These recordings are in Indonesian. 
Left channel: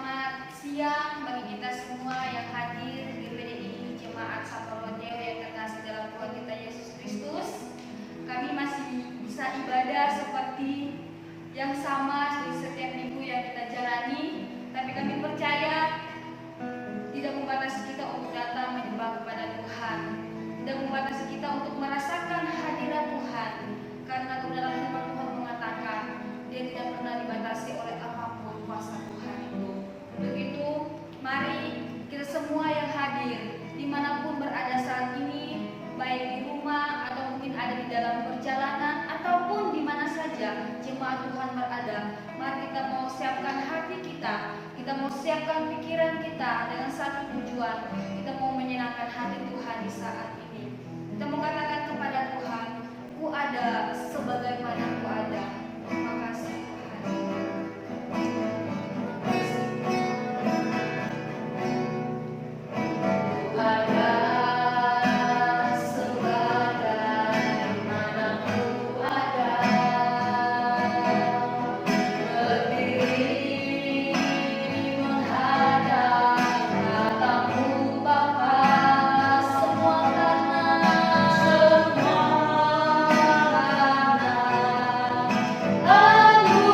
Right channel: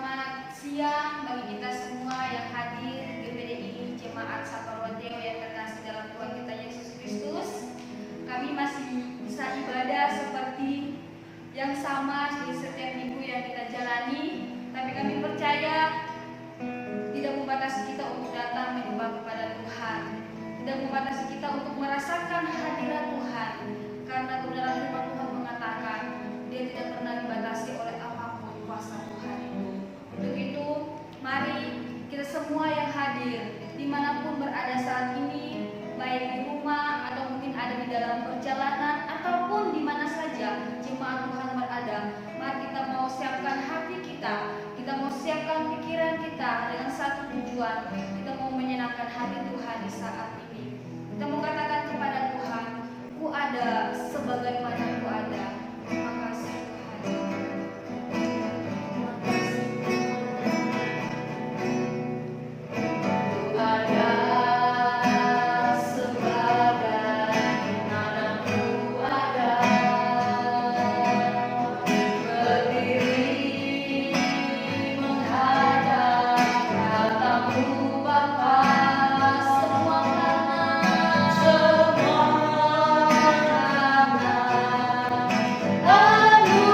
Selamat siang bagi kita semua yang hadir di GPDI Jemaat Saparwadeo yang terkasih dalam Tuhan kita Yesus Kristus. Kami masih bisa ibadah seperti yang sama di setiap minggu yang kita jalani, tapi kami percaya tidak membatasi kita untuk datang menyembah kepada Tuhan, tidak membatasi kita untuk merasakan hadirat Tuhan, karena kebenaran firman Tuhan mengatakan Dia tidak pernah dibatasi oleh apapun kuasa Tuhan itu. Untuk itu, mari kita semua yang hadir dimanapun berada saat ini, baik di rumah atau mungkin ada di dalam perjalanan ataupun di mana saja jemaat Tuhan berada, mari kita mau siapkan hati kita mau siapkan pikiran kita dengan satu tujuan, kita mau menyenangkan hati Tuhan di saat ini. Kita mau katakan kepada Tuhan, Ku ada sebagaimana Ku ada. Terima kasih Tuhan. Terima kasih Tuhan. Ku ada sebagaimana Ku ada, berdiri menghadap katamu Bapa, semua karena anugerah.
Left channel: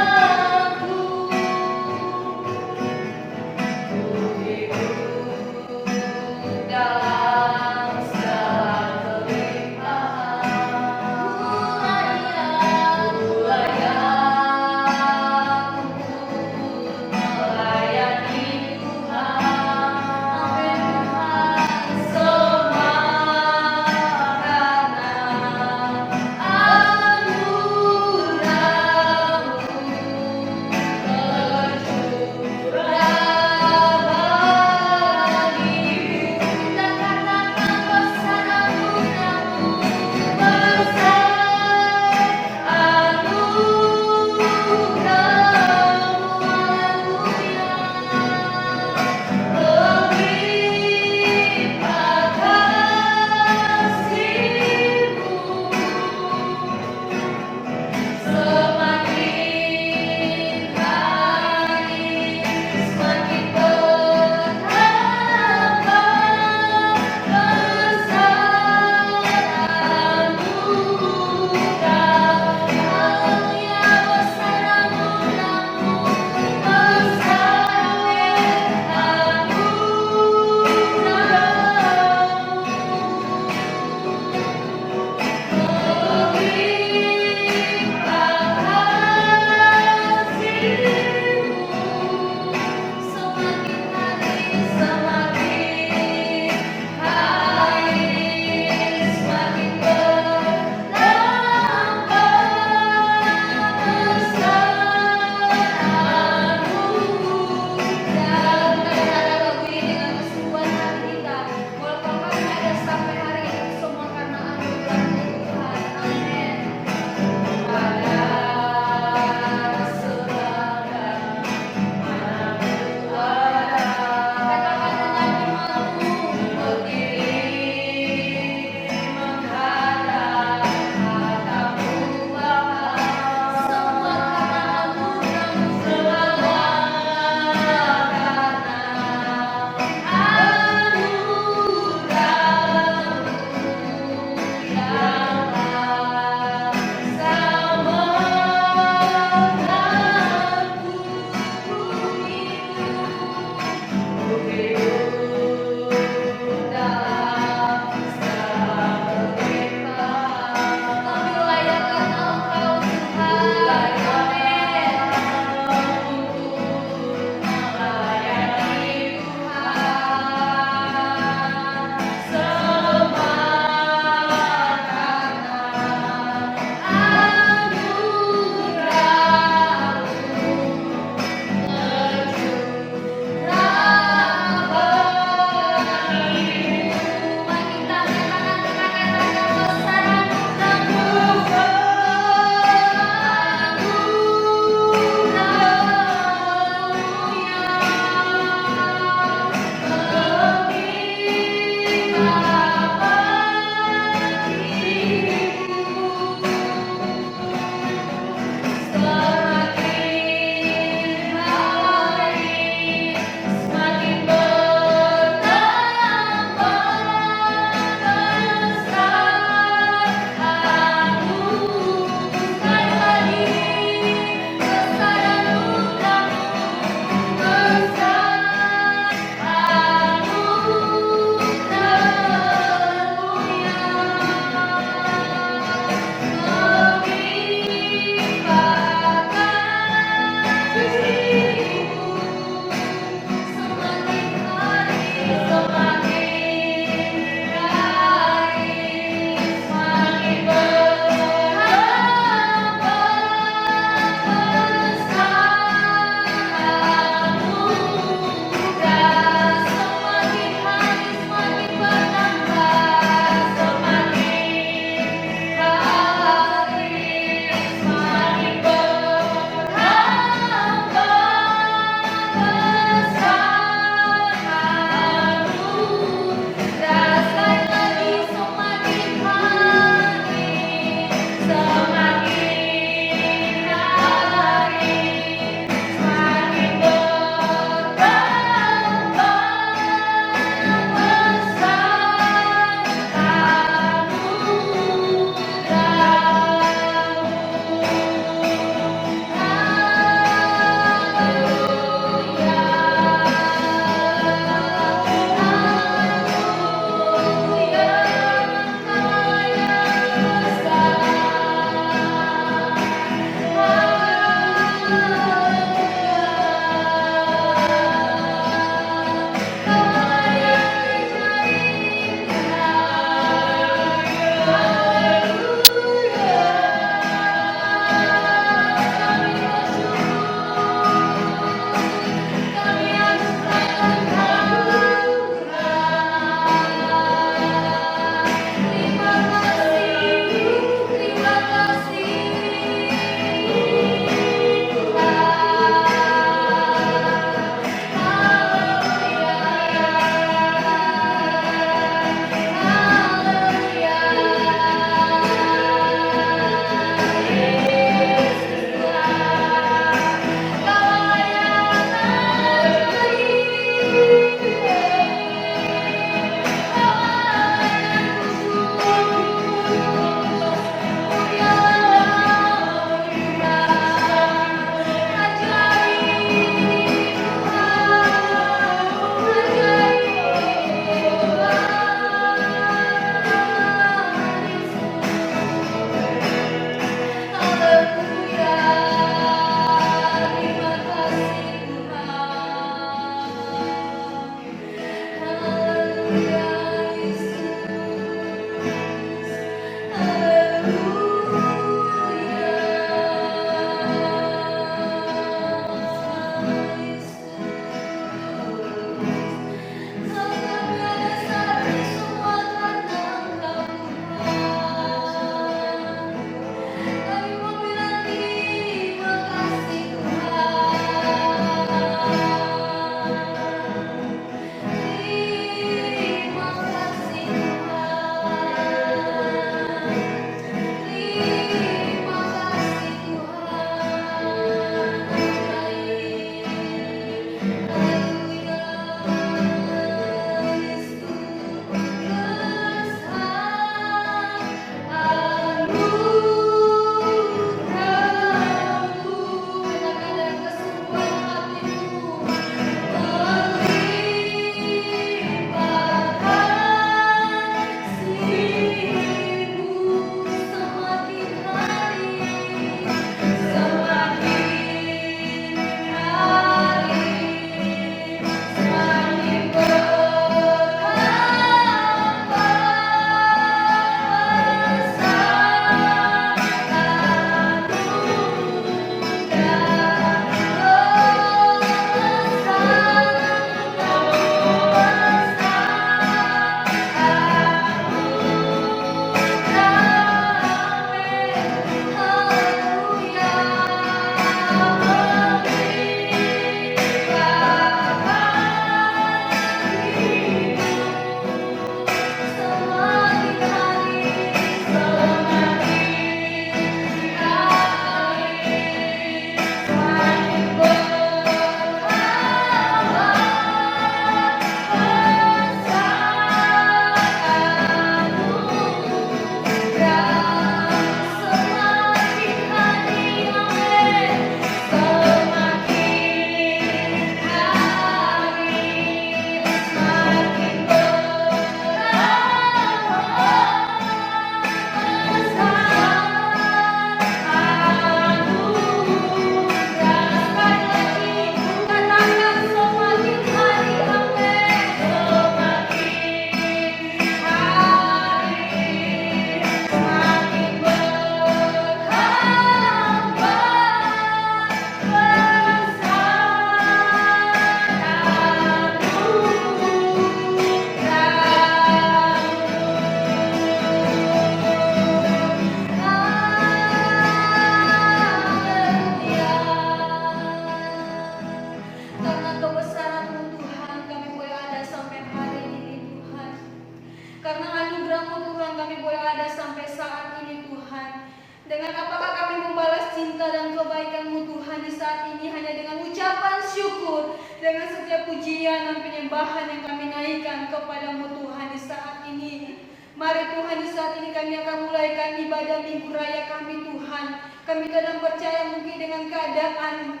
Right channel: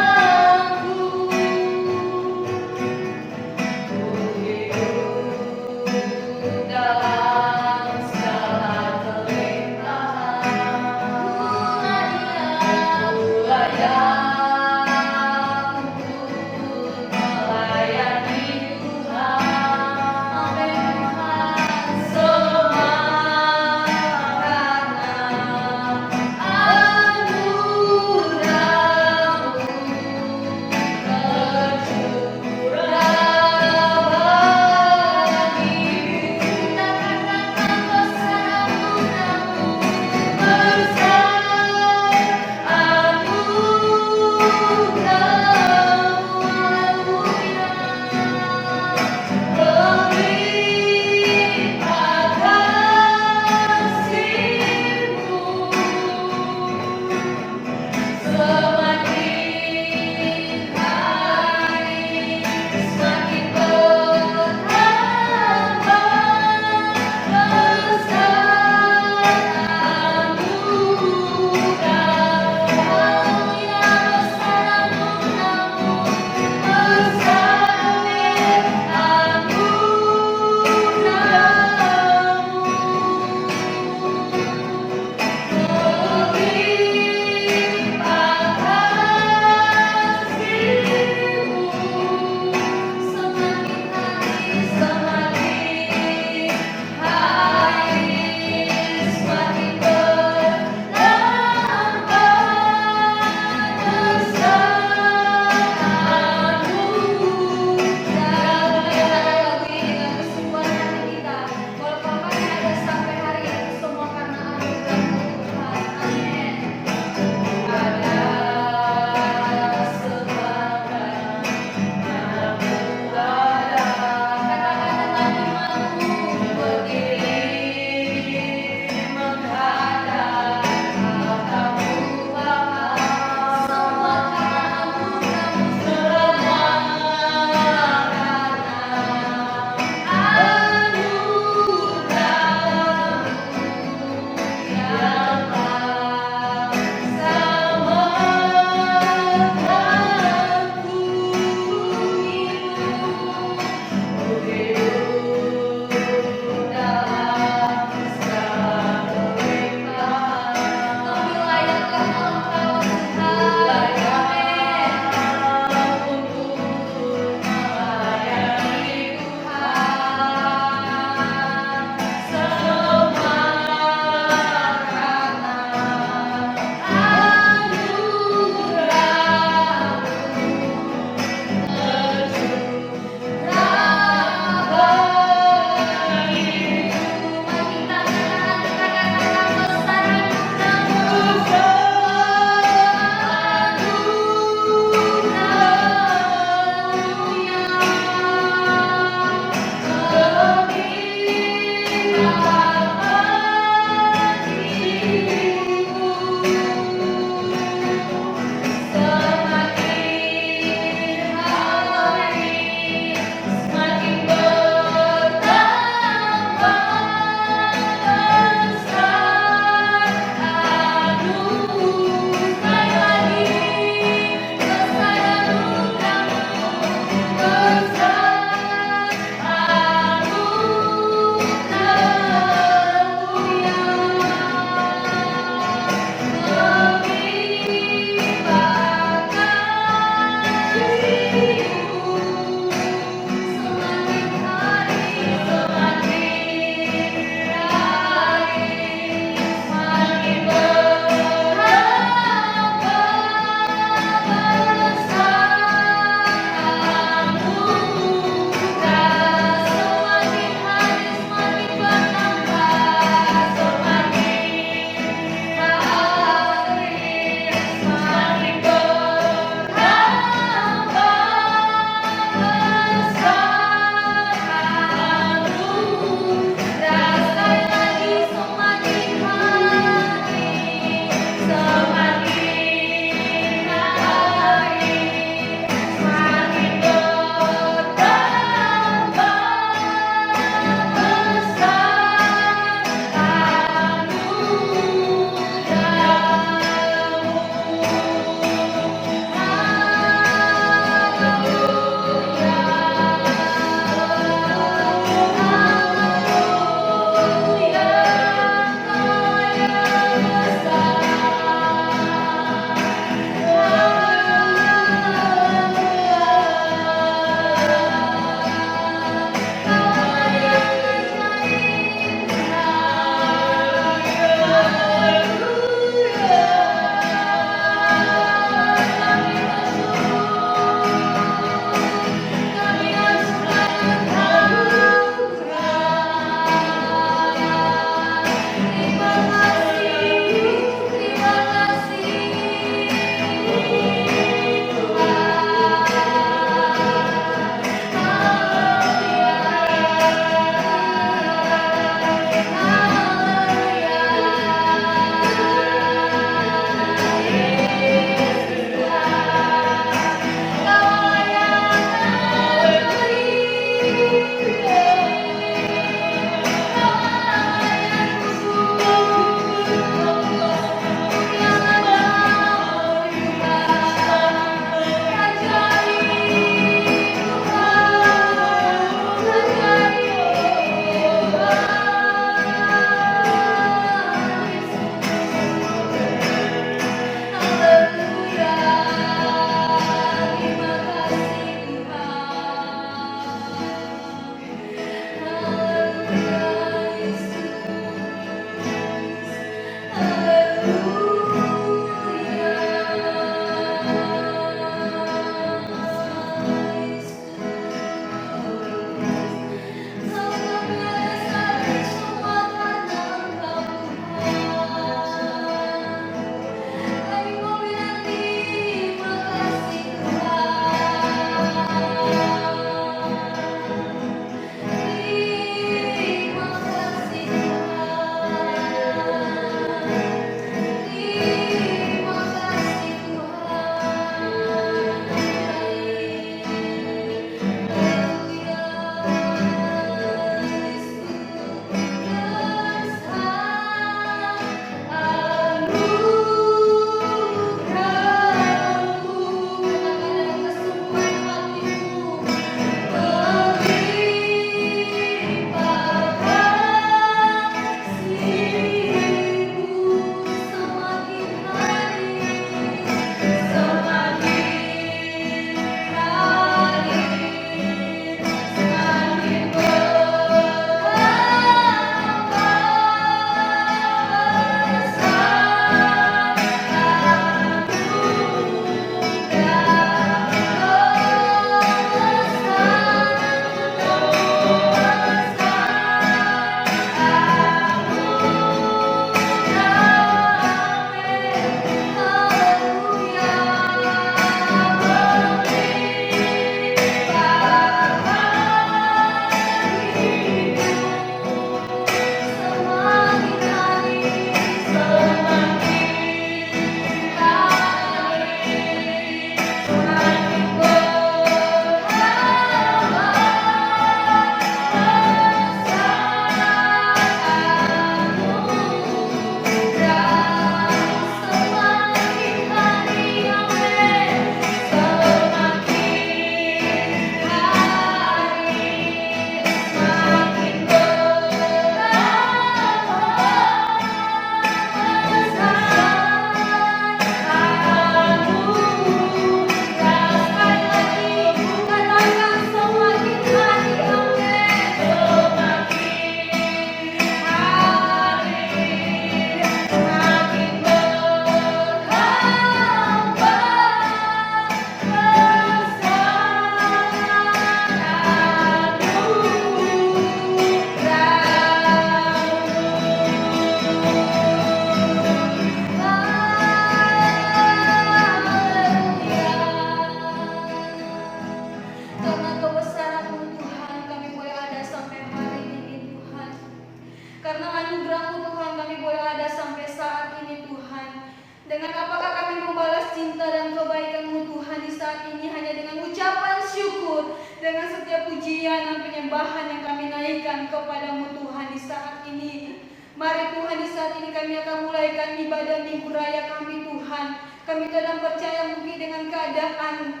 Karena anugerah-Mu Tuhan kami boleh ada sampai saat ini Tuhan. Dengan apakah kami membalas cinta dan kebaikan-Mu Tuhan di saat ini? Hanya dengan ucapan syukur, dengan setiap pujian dan penyembahan yang kami naikkan kepada-Mu Tuhan di saat ini. Mari Tuhan, di saat ini kami akan mulaikan ibadah Minggu Raya kami Tuhan. Kami kadang percaya mungkin dengan keadaan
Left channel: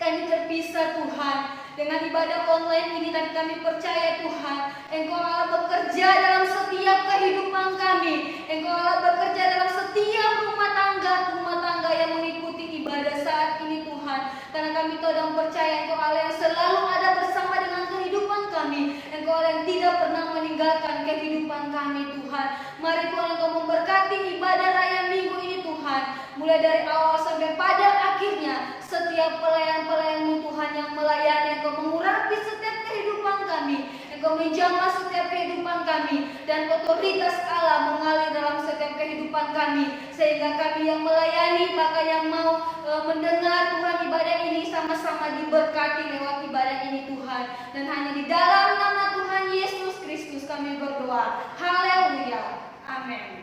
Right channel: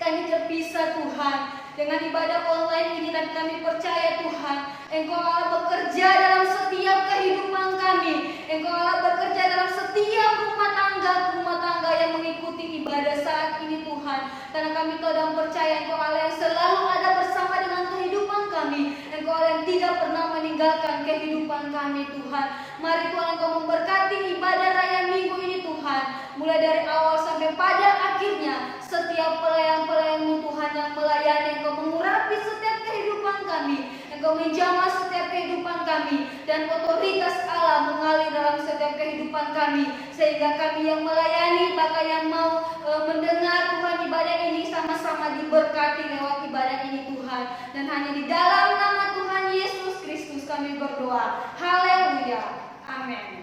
kami terpisah Tuhan. Dengan ibadah online ini dan kami percaya Tuhan, Engkau Allah bekerja dalam setiap kehidupan kami. Engkau Allah bekerja dalam setiap rumah tangga yang mengikuti ibadah saat ini Tuhan. Karena kami tahu dan percaya Engkau Allah yang selalu ada bersama dengan kehidupan kami. Engkau Allah yang tidak pernah meninggalkan kehidupan kami Tuhan. Mari Tuhan Engkau memberkati ibadah raya minggu ini Tuhan. Mulai dari awal sampai pada akhirnya, setiap pelayan-pelayan-Mu Tuhan yang melayani, Engkau mengurapi setiap kehidupan kami. Engkau menjamah setiap kehidupan kami. Dan otoritas Allah mengalir dalam setiap kehidupan kami. Sehingga kami yang melayani, bahkan yang mau mendengar Tuhan ibadah ini sama-sama diberkati lewat ibadah ini Tuhan. Dan hanya di dalam nama Tuhan Yesus Kristus kami berdoa. Haleluya. Amin.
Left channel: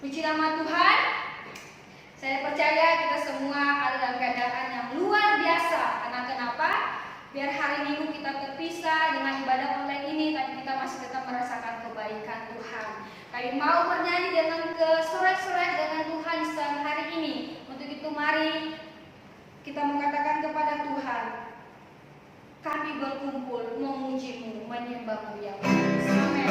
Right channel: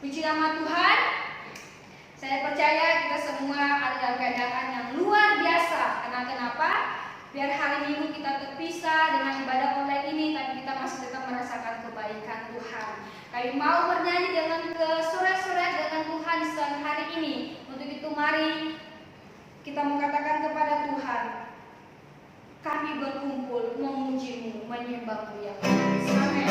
Puji nama Tuhan. Saya percaya kita semua ada dalam keadaan yang luar biasa. Karena kenapa? Biar hari Minggu kita terpisah dengan ibadah online ini, tapi kita masih tetap merasakan kebaikan Tuhan. Kami mau bernyanyi dengan sorak-sorak dengan Tuhan di siang hari ini. Untuk itu mari kita mengatakan kepada Tuhan, kami berkumpul memuji-Mu, menyembah-Mu yang kudus. Amin.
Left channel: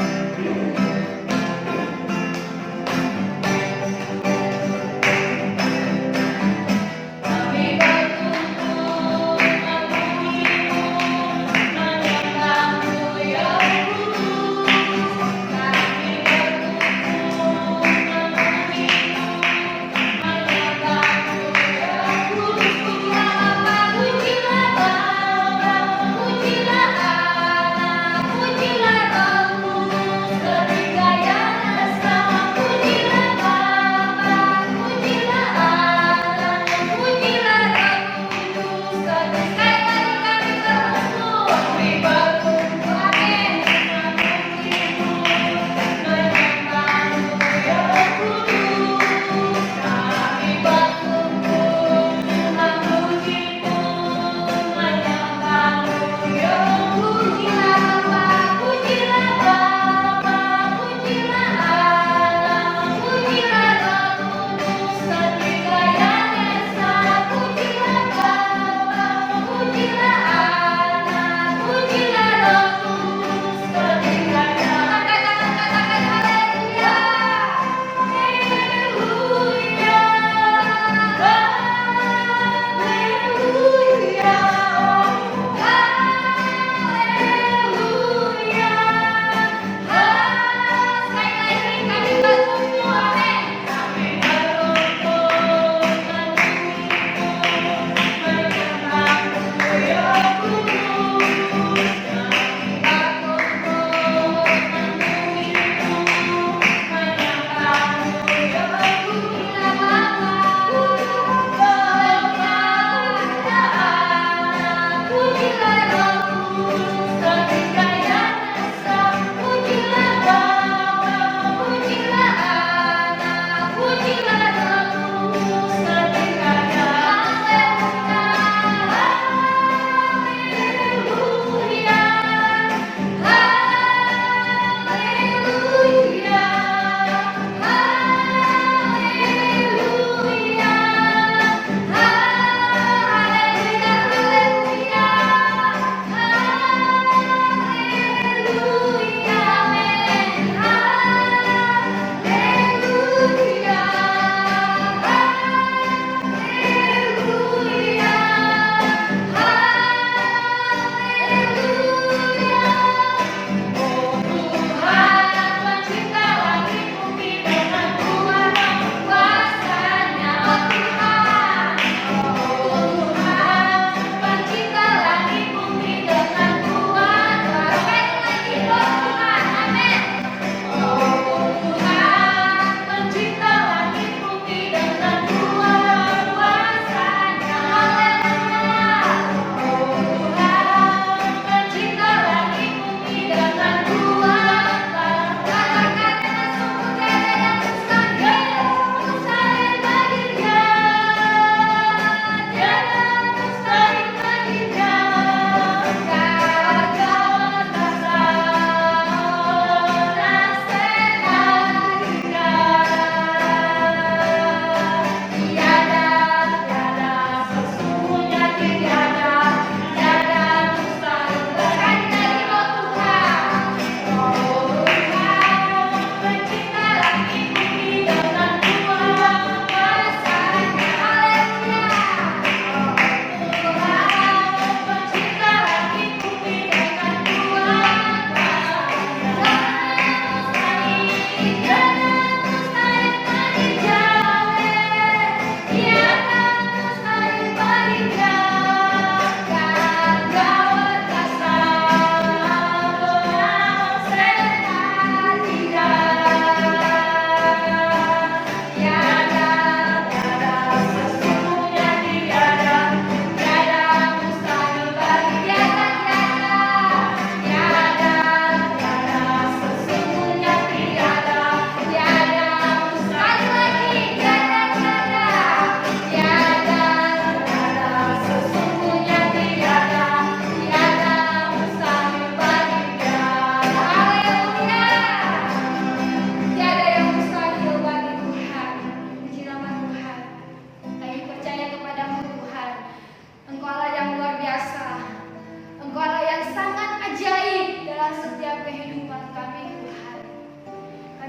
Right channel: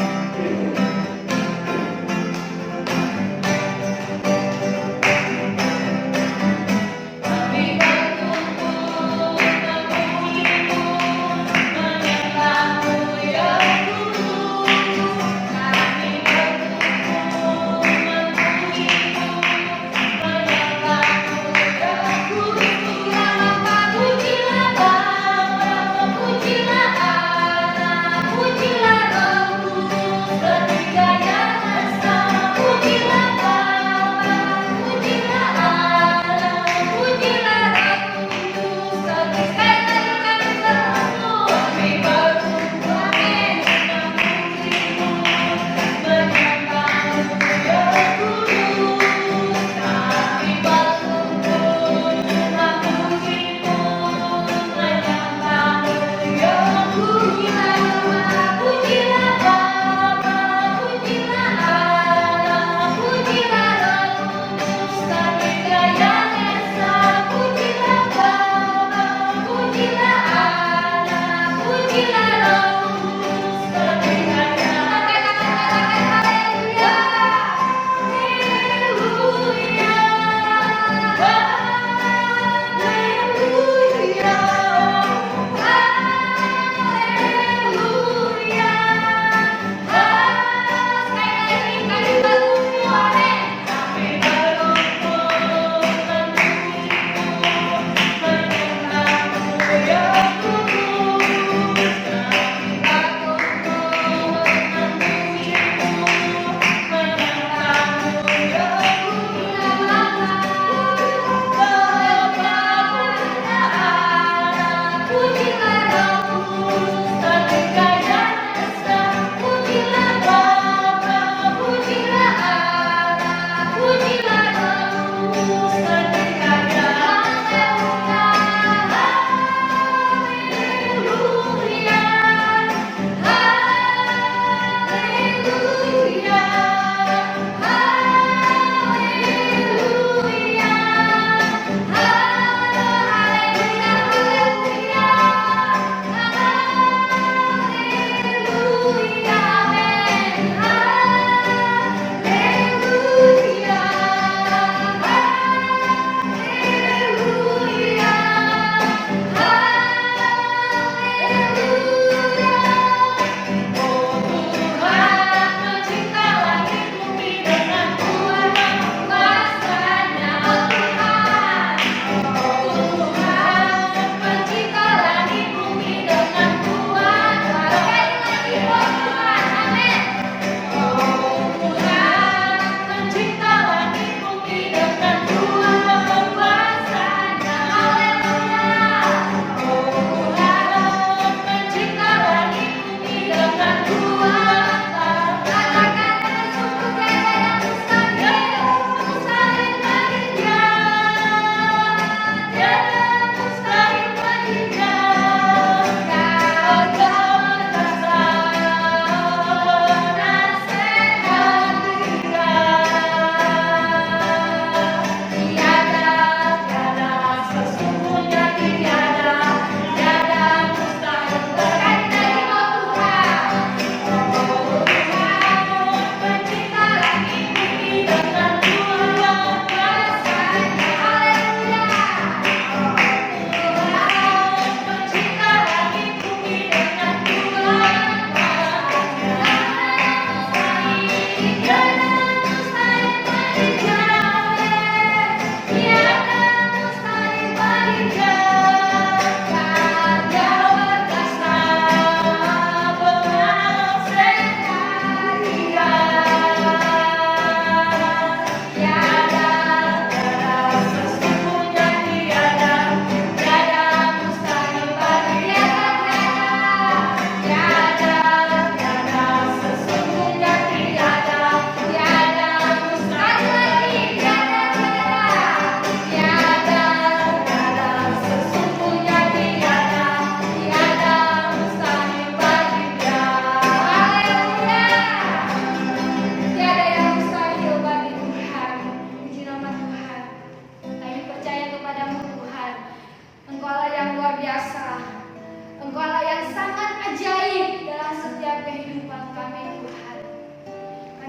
Pujilah Allah, pujilah Roh.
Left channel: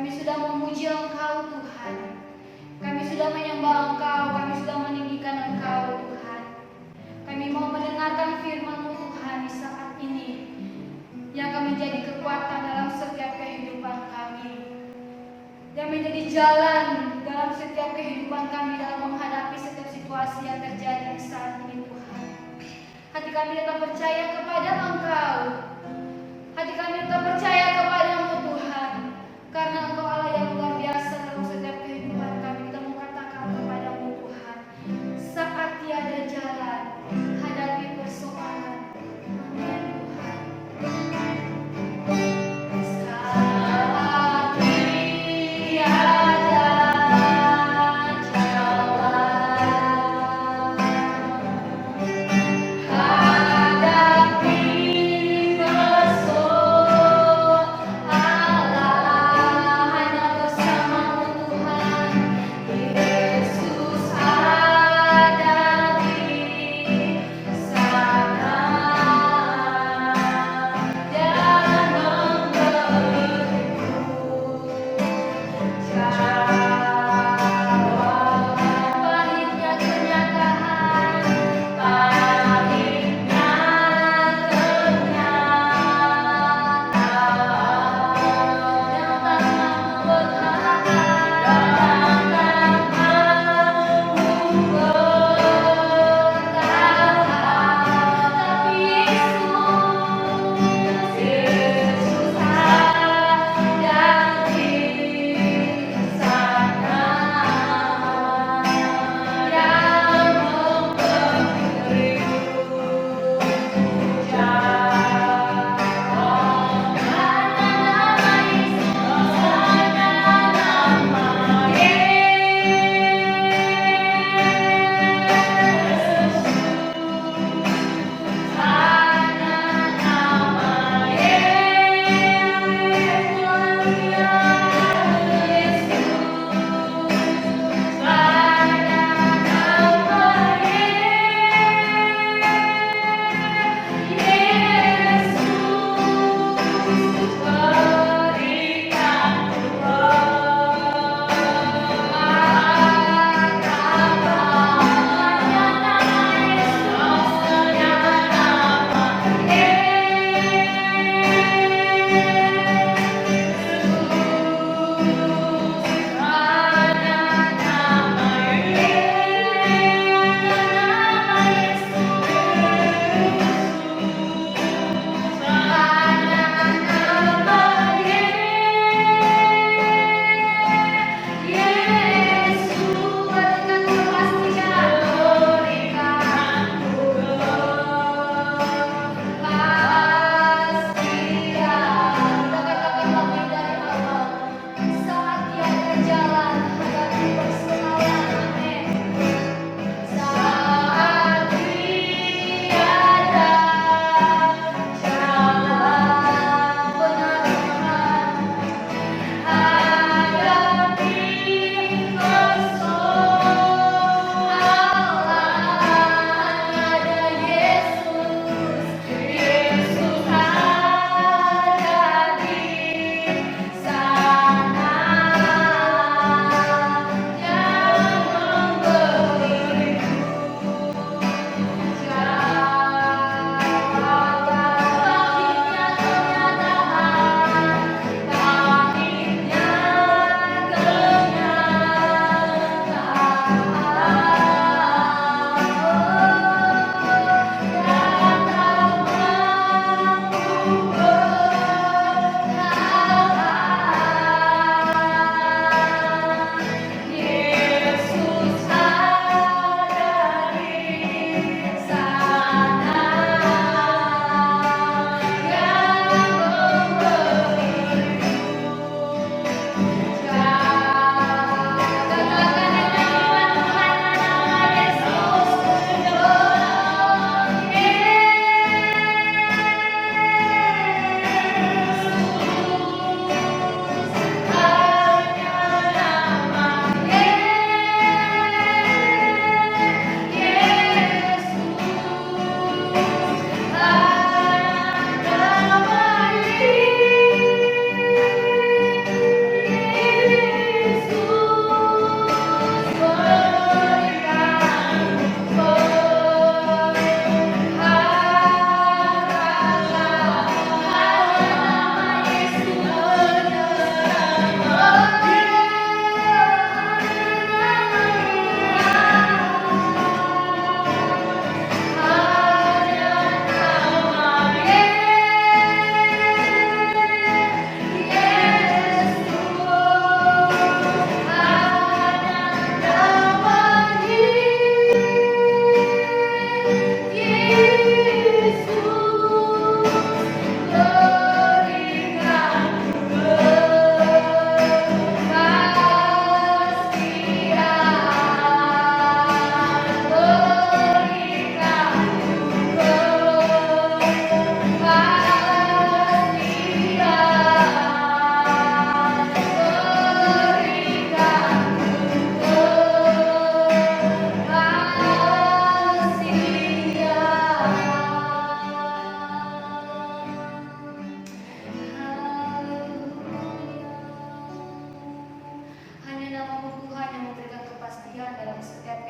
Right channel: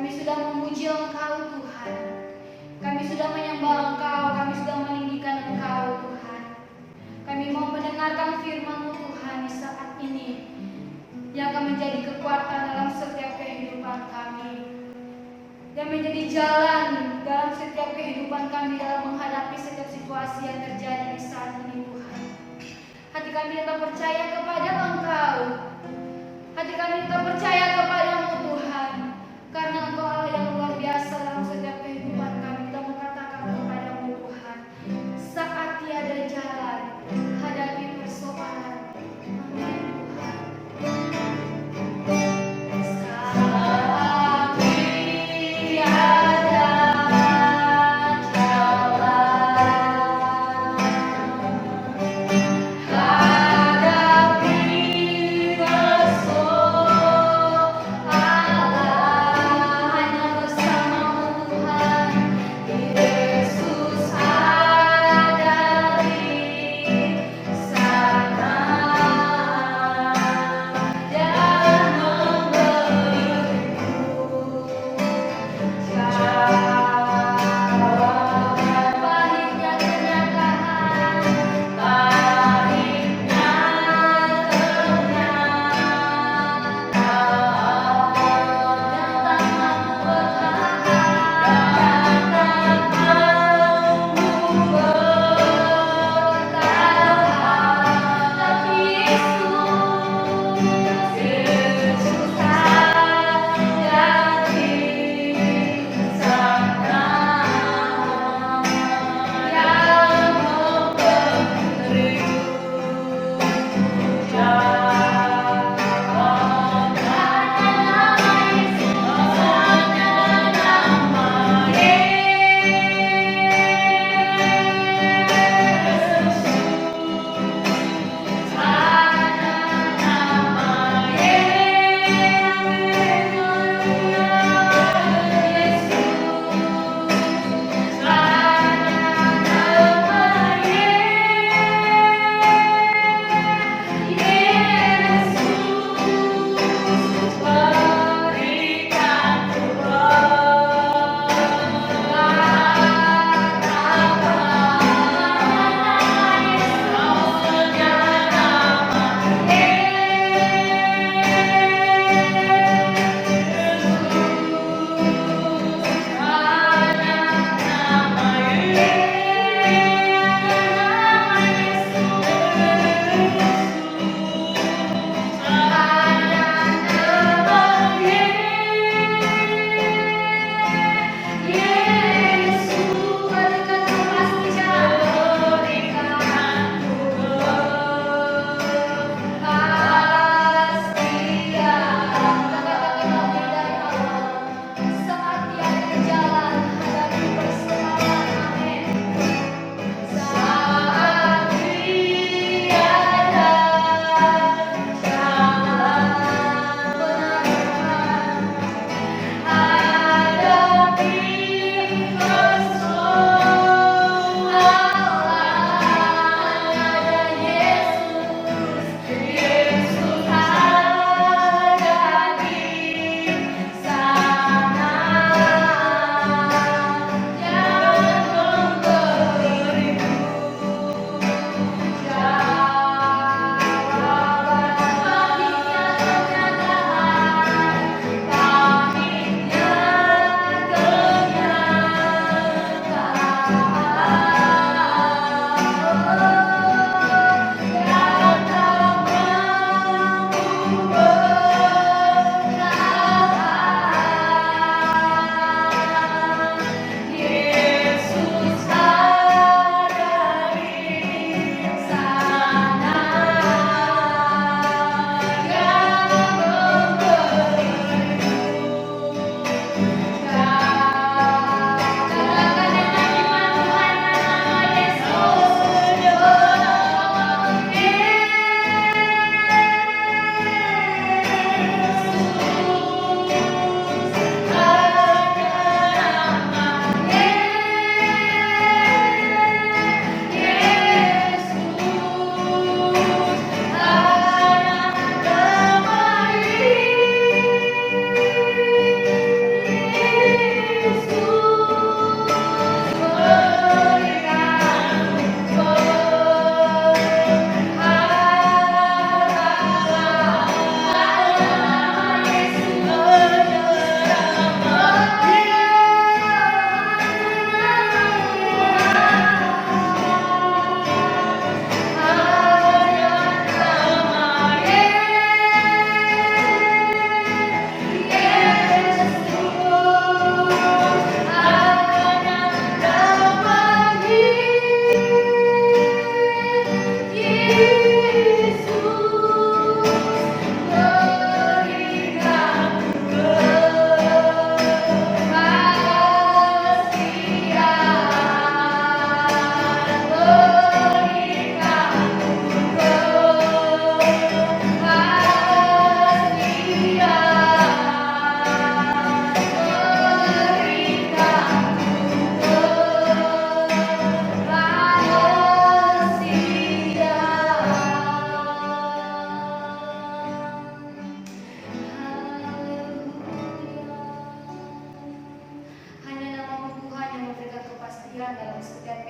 Kami sudah memuji Engkau Tuhan. Kami sudah menyembah Engkau, kami sudah meninggikan Engkau Tuhan. Kami mau mendengarkan firman-Mu Tuhan di saat ini, yang akan menjadi kekuatan dalam setiap kehidupan kami, yang menjadi jalan dalam setiap kehidupan kami dalam menghadapi setiap situasi yang terjadi di saat ini Tuhan. Hati kami tetap percaya kepada Engkau. Hati kami tetap percaya kepada-Mu Tuhan, karena Engkau Allah yang luar biasa dalam setiap kehidupan kami. Kita mau katakan kepada-Mu Tuhan, saat tiada jalan, hadapi persoalan. Amin Tuhan. Saat tiada jalan, hadapi persoalan.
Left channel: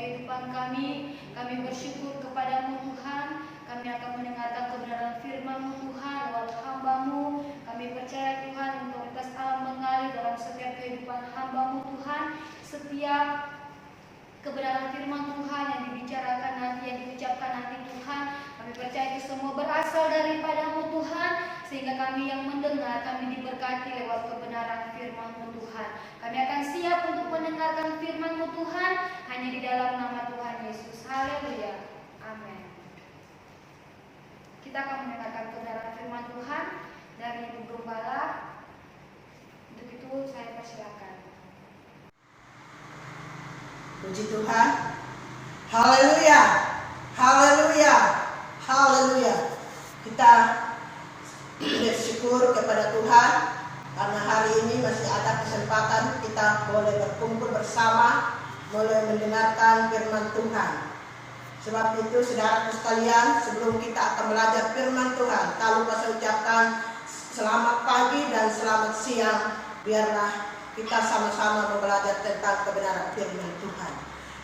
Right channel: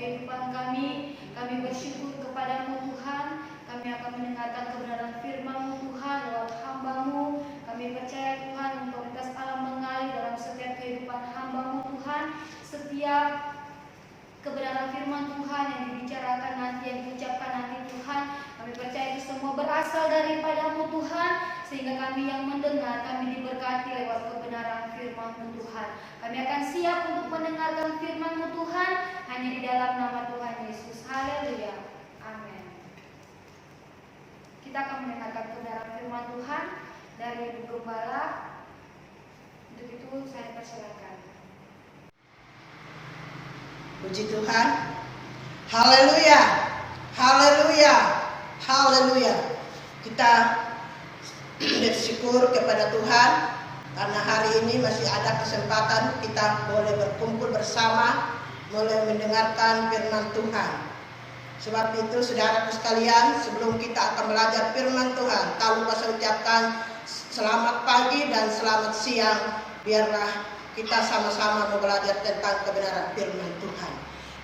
kehidupan kami. Kami bersyukur kepadamu Tuhan. Kami akan mendengarkan kebenaran firman-Mu Tuhan lewat hamba-Mu. Kami percaya Tuhan otoritas Allah mengalir dalam setiap kehidupan hamba-Mu Tuhan. Setiap kebenaran firman Tuhan yang dibicarakan nanti, yang diucapkan nanti Tuhan, kami percaya itu semua berasal daripada-Mu Tuhan, sehingga kami yang mendengar, kami diberkati lewat kebenaran firman-Mu Tuhan. Kami akan siap untuk mendengarkan firman-Mu Tuhan, hanya di dalam nama Tuhan Yesus. Haleluya. Amin. Kita akan mendengarkan kebenaran firman Tuhan dari Ibu Gembala. Untuk itu saya persilakan. Puji Tuhan. Haleluya. Haleluya. Haleluya. Kita bersyukur kepada Tuhan karena hari ini masih ada kesempatan kita boleh berkumpul bersama, boleh mendengarkan firman Tuhan. Sebab itu saudaraku sekalian, sebelum kita akan belajar firman Tuhan, tak lupa saya ucapkan selamat pagi dan selamat siang. Biarlah kita sama-sama belajar tentang kebenaran firman Tuhan.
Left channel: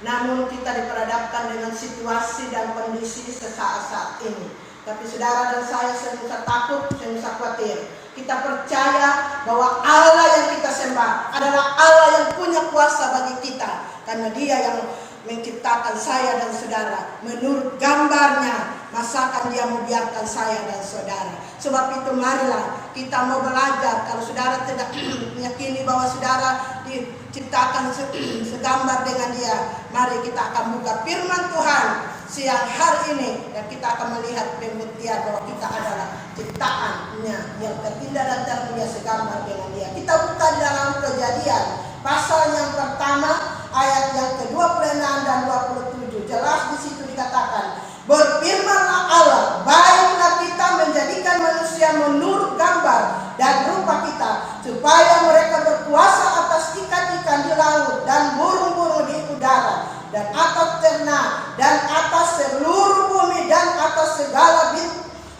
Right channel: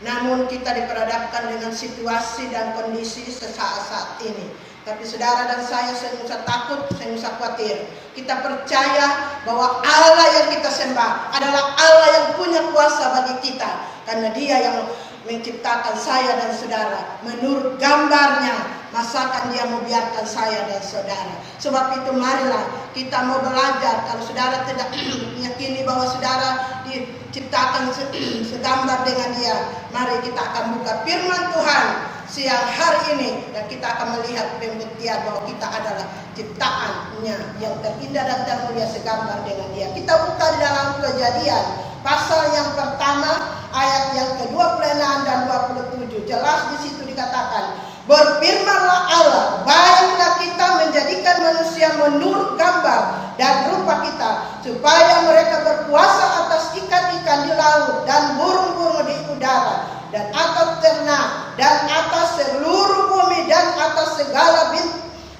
Namun kita diperhadapkan dengan situasi dan kondisi sesaat ini. Tapi saudara dan saya tidak usah takut, tidak usah khawatir. Kita percaya bahwa Allah yang kita sembah adalah Allah yang punya kuasa bagi kita. Karena Dia yang menciptakan saya dan saudara menurut gambarnya. Masakan Dia membiarkan saya dan saudara. Sebab itu marilah kita mau belajar. Kalau saudara tidak meyakini bahwa saudara diciptakan segambar dengan Dia, mari kita akan buka firman Tuhan siang hari ini, dan kita akan melihat pembuktian bahwa kita adalah ciptaannya yang terindah dan termulia segambar dengan Dia. Kita buka di dalam Kejadian pasal yang pertama ayat yang ke-26 dan 27. Jelas di situ dikatakan, berfirmanlah Allah, baiklah kita menjadikan manusia menurut gambar dan rupa kita, supaya mereka berkuasa atas ikan-ikan di laut dan burung-burung di udara, dan atas ternak, dan atas seluruh bumi, dan atas segala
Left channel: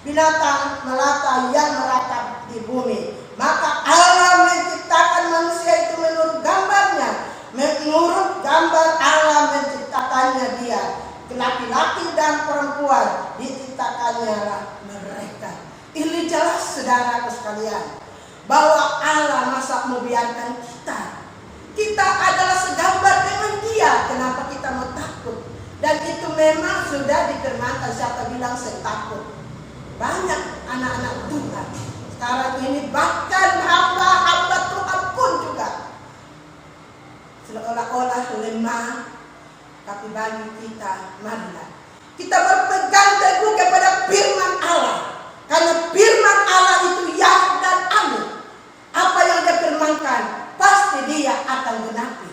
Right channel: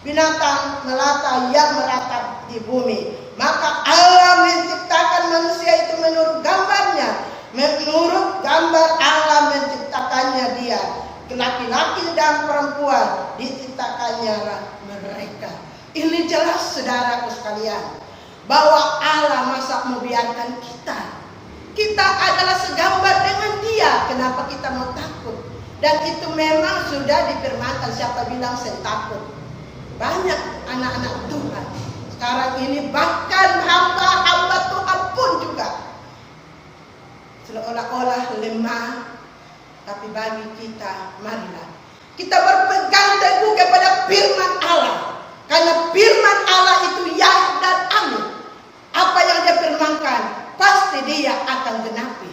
binatang melata yang meratap di bumi. Maka Allah menciptakan manusia itu menurut gambarnya. Menurut gambar Allah menciptakannya dia. Laki-laki dan perempuan diciptakannya lah mereka. Ini jelas saudaraku sekalian, bahwa Allah masa membiarkan kita. Kita adalah segambar dengan Dia. Kenapa kita mau takut? Dan itu memang sudah difirmankan. Siapa bilang saya takut? Banyak anak-anak Tuhan sekarang ini, bahkan hamba-hamba Tuhan pun juga seolah-olah lemah. Tapi bagi kita, marilah kita berpegang teguh kepada firman Allah. Karena firman Allah itu ya dan amin. Apa yang Dia firmankan, pasti Dia akan genapi.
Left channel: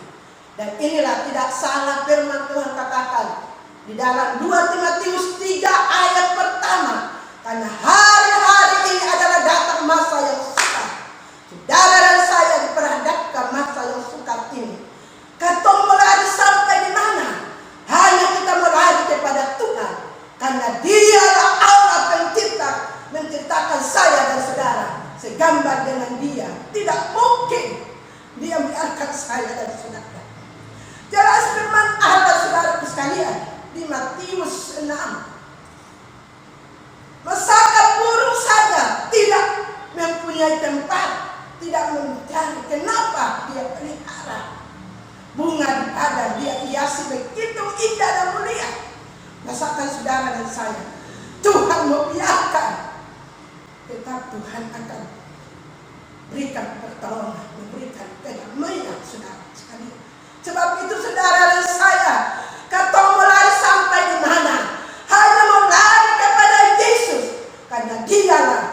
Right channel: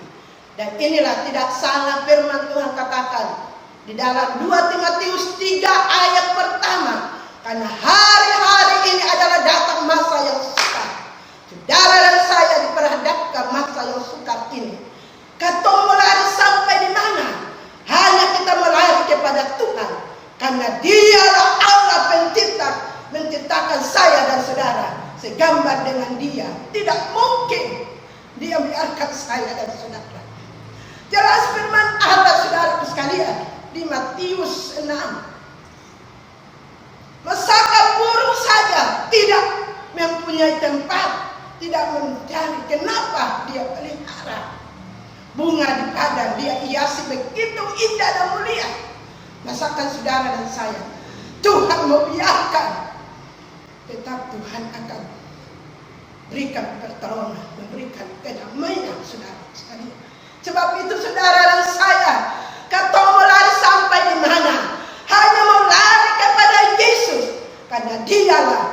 Dan inilah tidak salah firman Tuhan katakan di dalam 2 Timotius 3 ayat pertama. Karena hari-hari ini adalah datang masa yang sukar. Saudara dan saya diperhadapkan masa yang sukar ini. Katong melari sampai di mana? Hanya kita melari kepada Tuhan. Karena Dialah Allah pencipta, menciptakan saya dan saudara segambar dengan Dia. Tidak mungkin Dia biarkan saya dan saudara. Jelas firman Allah saudara sekalian di Matius 6. Masakan burung saja tidak mempunyai tempat, tidak mencari. Kenapa Dia pelihara bunga di padang, Dia hiasi begitu indah dan mulia. Masakan saudara dan saya, Tuhan membiarkan, tetap Tuhan akan berikan pertolongan, memberikan kedamaian saudara sekalian. Sebab itu saudara dan saya, kata mau lari sampai di mana? Hanya mau lari kepada Yesus, karena Dialah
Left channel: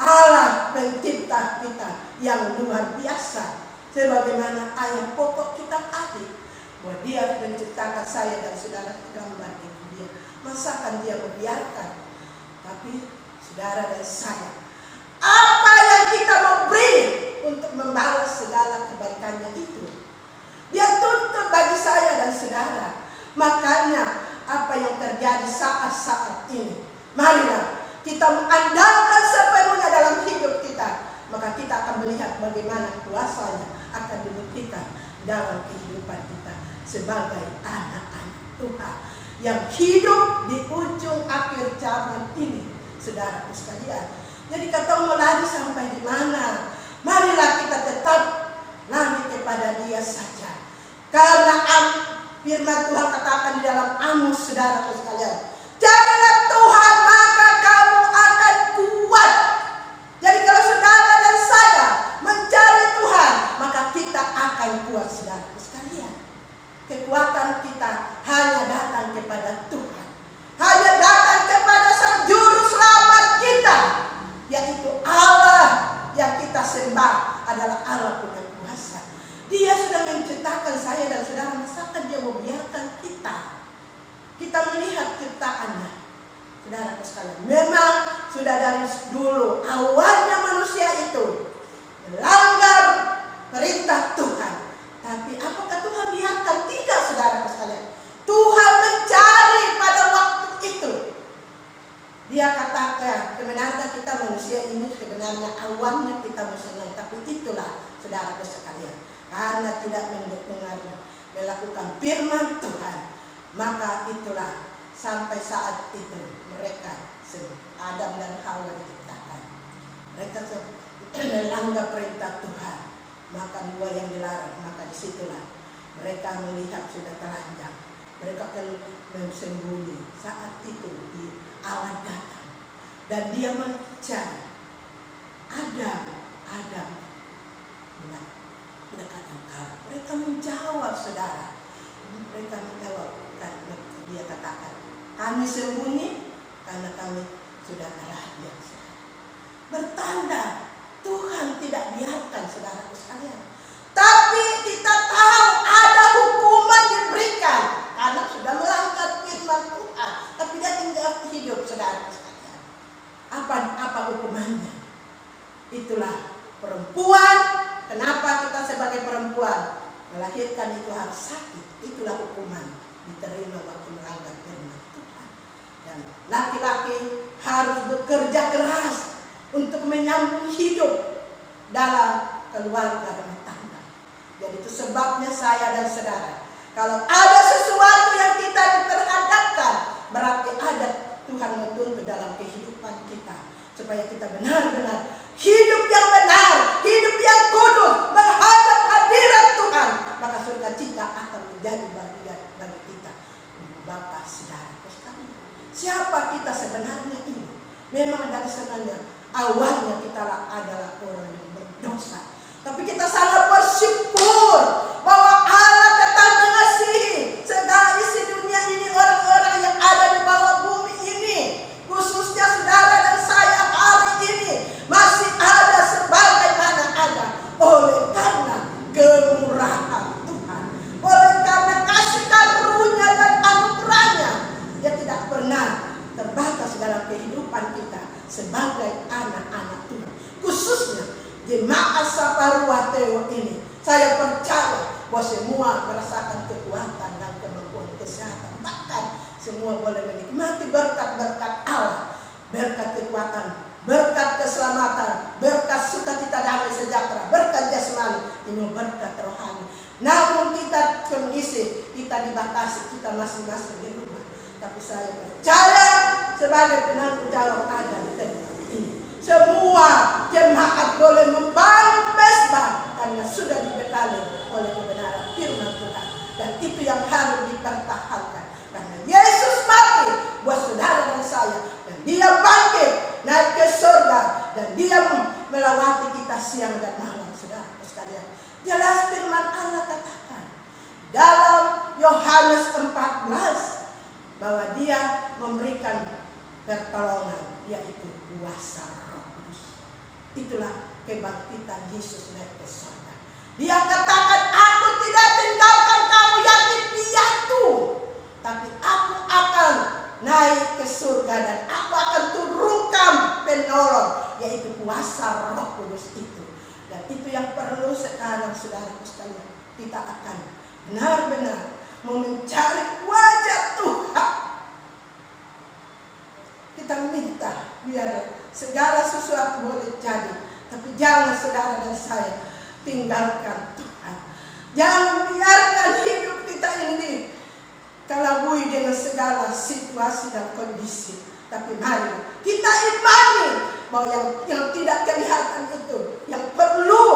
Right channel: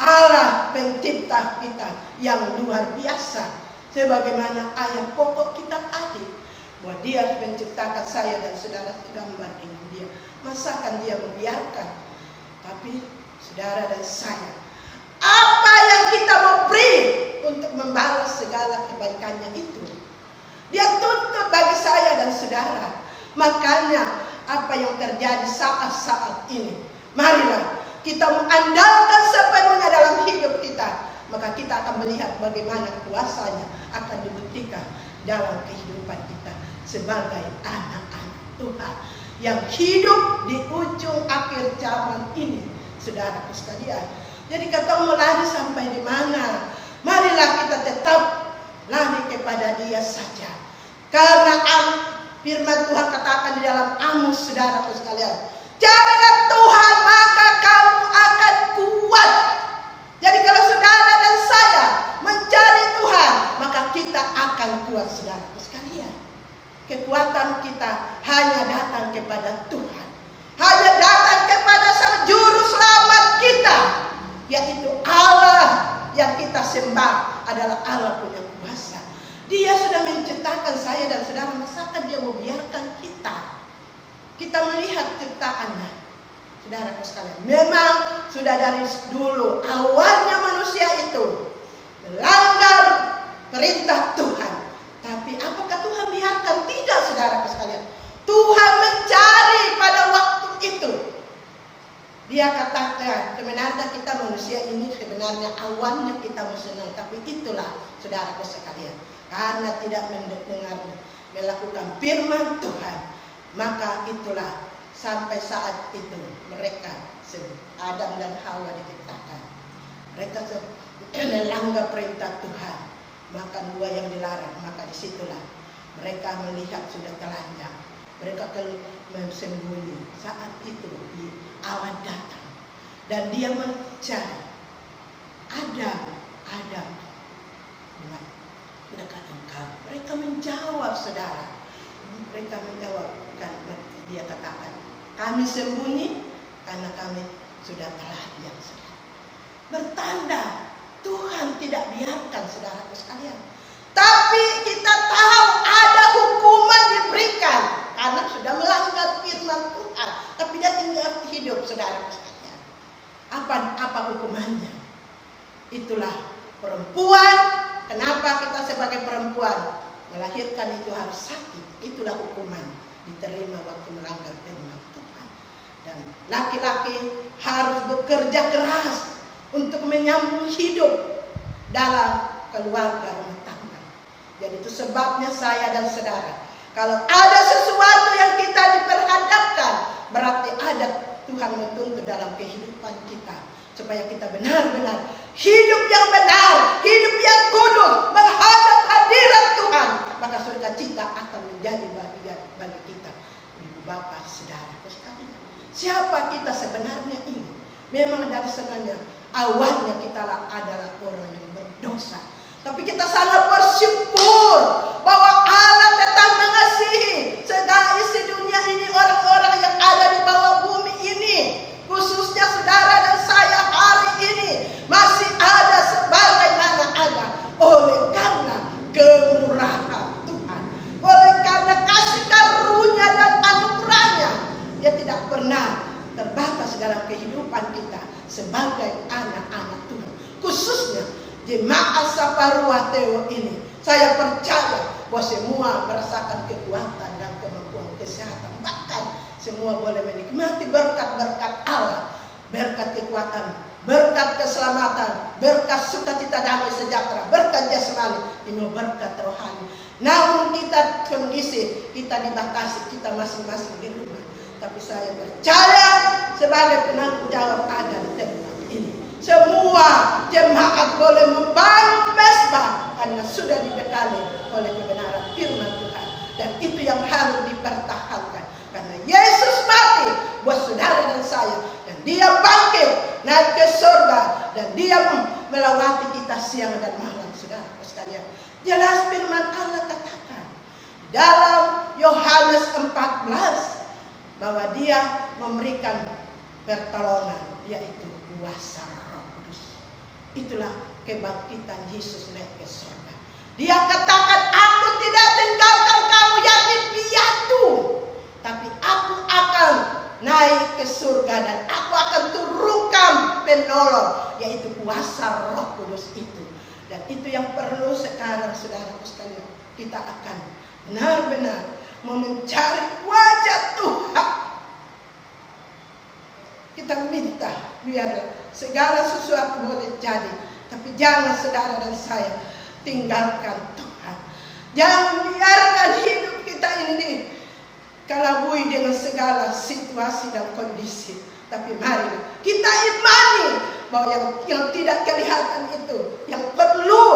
Allah pencipta kita yang luar biasa. Sebagaimana ayat pokok kitab Adil, bahwa Dia menciptakan saya dan saudara segambar dengan Dia. Masakan Dia membiarkan? Tapi saudara dan saya, apa yang kita mau beri untuk membalas segala kebaikannya itu? Dia tuntut bagi saya dan saudara. Makanya apa yang terjadi saat-saat ini, marilah kita mengandalkan sepenuhnya dalam hidup kita. Maka kita akan melihat bagaimana kuasanya akan dibuktikan dalam kehidupan kita sebagai anak-anak Tuhan yang hidup di ujung akhir zaman ini, saudaraku sekalian. Jadi kata mau lari sampai di mana? Marilah kita tetap lari kepada Dia saja. Karena firman Tuhan katakan di dalam Amos, saudaraku sekalian, carilah Tuhan maka kamu akan kuat. Jadi kalau saudara dan saya mencari Tuhan, maka kita akan kuat, saudaraku sekalian. Kekuatan kita hanya datang kepada Tuhan, hanya datang kepada Sang Juru Selamat kita, yaitu Allah yang kita sembah adalah Allah punya kuasa. Dia sudah menciptakan saya dan saudara, masakan Dia mau biarkan kita melihat ciptaannya, saudaraku sekalian. Memang sudah dari dulu awalnya manusia itu melanggar perintah Tuhan. Tapi apakah Tuhan biarkan? Tidak, saudaraku sekalian. Tuhan mencari pada waktu itu. Dia katakan, sebenarnya kita manusia ini sebenarnya awalnya kita mau senang. Tapi itulah, saudaraku sekalian, karena tidak mendengar, melakukan firman Tuhan, maka itulah sampai saat itu mereka, Adam dan Hawa diciptakan. Mereka melanggar perintah Tuhan, makan buah yang dilarang. Maka disitulah mereka melihat sudah telanjang. Mereka sembunyi. Saat itu awan datang dan dia mencari Adam, dekat engkau. Mereka menjawab, saudara. Mereka menjawab, kan dia katakan, kami sembunyi karena kami sudah telanjang. Bertanda Tuhan tidak biarkan, saudaraku sekalian. Tapi kita tahu ada hukuman diberikan karena sudah melanggar firman Tuhan. Tapi dia tinggal hidup, saudaraku sekalian. Apa hukumannya? Itulah perempuan. Kenapa kita sebagai perempuan melahirkan itu harus sakit? Itulah hukuman diterima waktu melanggar firman Tuhan. Dan laki-laki harus bekerja keras untuk menyambung hidup dalam keluarga rumah tangga. Jadi itu sebabnya saya dan saudara, kalau ada sesuatu yang kita diperhadapkan, berarti ada Tuhan menuntut dalam kehidupan kita, supaya kita benar-benar hidup yang benar, hidup yang kudus, menghadap hadirat Tuhan. Maka sukacita akan menjadi bagian bagi kita. Ibu bapak, saudara sekalian, siapa kita sebenarnya ini? Memang dari senangnya awalnya kita adalah orang yang berdosa. Tapi kita sangat bersyukur bahwa Allah tetap mengasihi segala isi dunia ini, orang-orang yang ada di bawah bumi ini. Khususnya saudara dan saya hari ini masih ada sebagaimana ada oleh karena kemurahan Tuhan, oleh karena kasih karunia dan anugerahnya. Dia tidak pernah terbatas dalam kehidupan kita sebagai anak-anak Tuhan, khususnya jemaat Saparua Teo ini. Saya percaya bahwa semua merasakan kekuatan dan kemampuan kesehatan, bahkan semua boleh menikmati berkat-berkat Allah, berkat kekuatan, berkat keselamatan, berkat sukacita damai sejahtera, berkat jasmani, ini berkat rohani. Namun kita kondisi kita dibatasi, kita masing-masing di rumah. Tapi saya percaya sebagai penanggung jawab ada di tempat ini, semua jemaat boleh membangun mesbah karena sudah dibekali oleh kebenaran firman Tuhan. Dan itu yang harus dipertahankan. Karena Yesus mati buat saudara dan saya, dan Dia bangkit naik ke surga, dan Dia melawati kita siang dan malam, saudara sekalian. Jelas firman Allah katakan dalam Yohanes 14 bahwa Dia memberikan pertolongan, yaitu kuasa Roh Kudus. Itulah kebangkitan Yesus naik ke surga. Dia katakan, aku tidak tinggalkan kamu yatim piatu, tapi aku akan naik ke surga dan aku akan turunkan penolong, yaitu kuasa Roh Kudus itu. Dan itu yang perlu sekarang, saudara sekalian. Kita akan benar-benar mencari wajah Tuhan. Kita minta biar segala sesuatu boleh jadi, tapi jangan saudara dan saya tinggalkan Tuhan. Jangan biarkan hidup kita ini kalabui dengan segala situasi dan kondisi. Tapi mari kita imani bahwa yang tidak kelihatan itu, yang perlu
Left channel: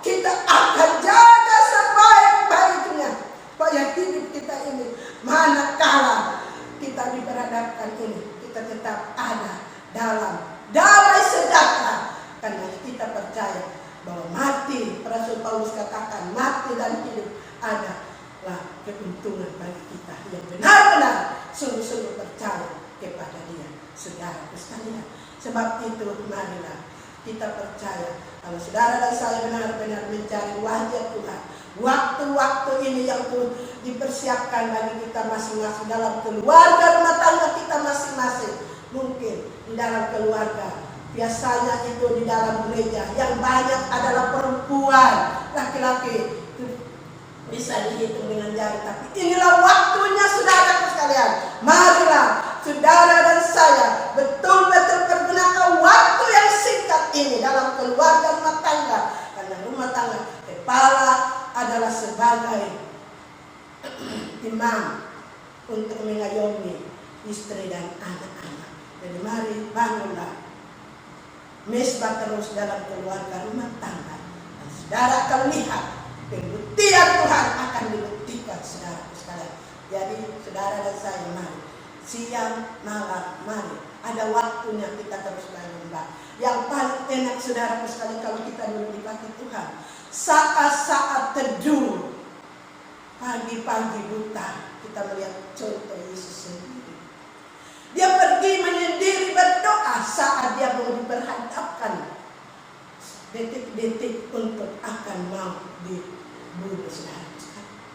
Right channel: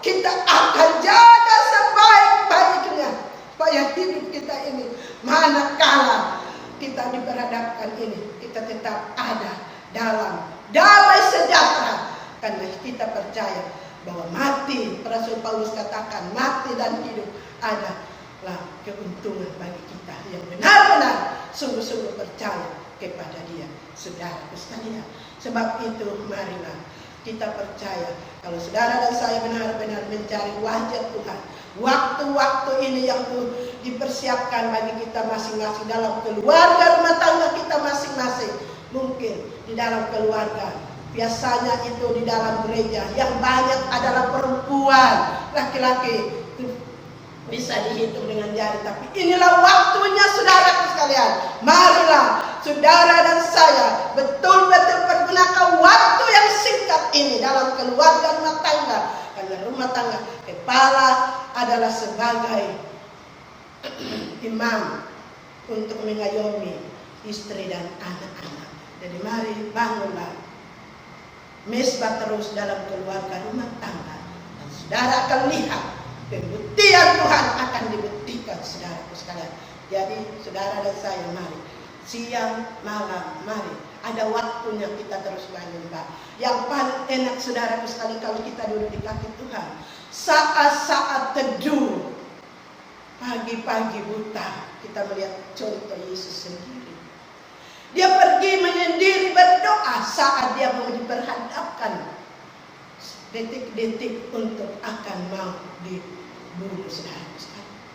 kita akan jaga sebaik-baiknya, supaya hidup kita ini manakala kita diperhadapkan ini, kita tetap ada dalam damai sejahtera. Karena kita percaya bahwa mati, Rasul Paulus katakan, mati dan hidup adalah keuntungan bagi kita yang benar-benar sungguh-sungguh percaya kepada Dia, saudaraku sekalian. Sebab itu marilah kita percaya kalau saudara dan saya benar-benar mencari wajah Tuhan, waktu-waktu ini yang dipersiapkan bagi kita masing-masing dalam keluarga rumah tangga kita masing-masing. Mungkin di dalam keluarga, biasanya itu di dalam gereja yang banyak adalah perempuan, laki-laki itu bisa dihitung dengan jari. Tapi inilah waktunya saudaraku sekalian. Marilah saudara dan saya betul-betul pergunakan waktu yang singkat ini dalam keluarga rumah tangga. Karena rumah tangga, kepala adalah sebagai imam untuk mengayomi istri dan anak-anak. Jadi mari bangunlah mesbah terus dalam keluarga rumah tangga. Dan saudara akan lihat pembuktian Tuhan akan dibuktikan, saudaraku sekalian. Jadi saudara dan saya mari siang malam, mari ada waktunya kita terus menyembah. Yang paling enak saudaraku sekalian kalau kita duduk di kaki Tuhan, saat-saat teduh pagi-pagi buta, kita melihat contoh Yesus sendiri. Dia pergi menyendiri berdoa saat dia mau diperhadapkan detik-detik untuk akan mau dibunuh, saudara.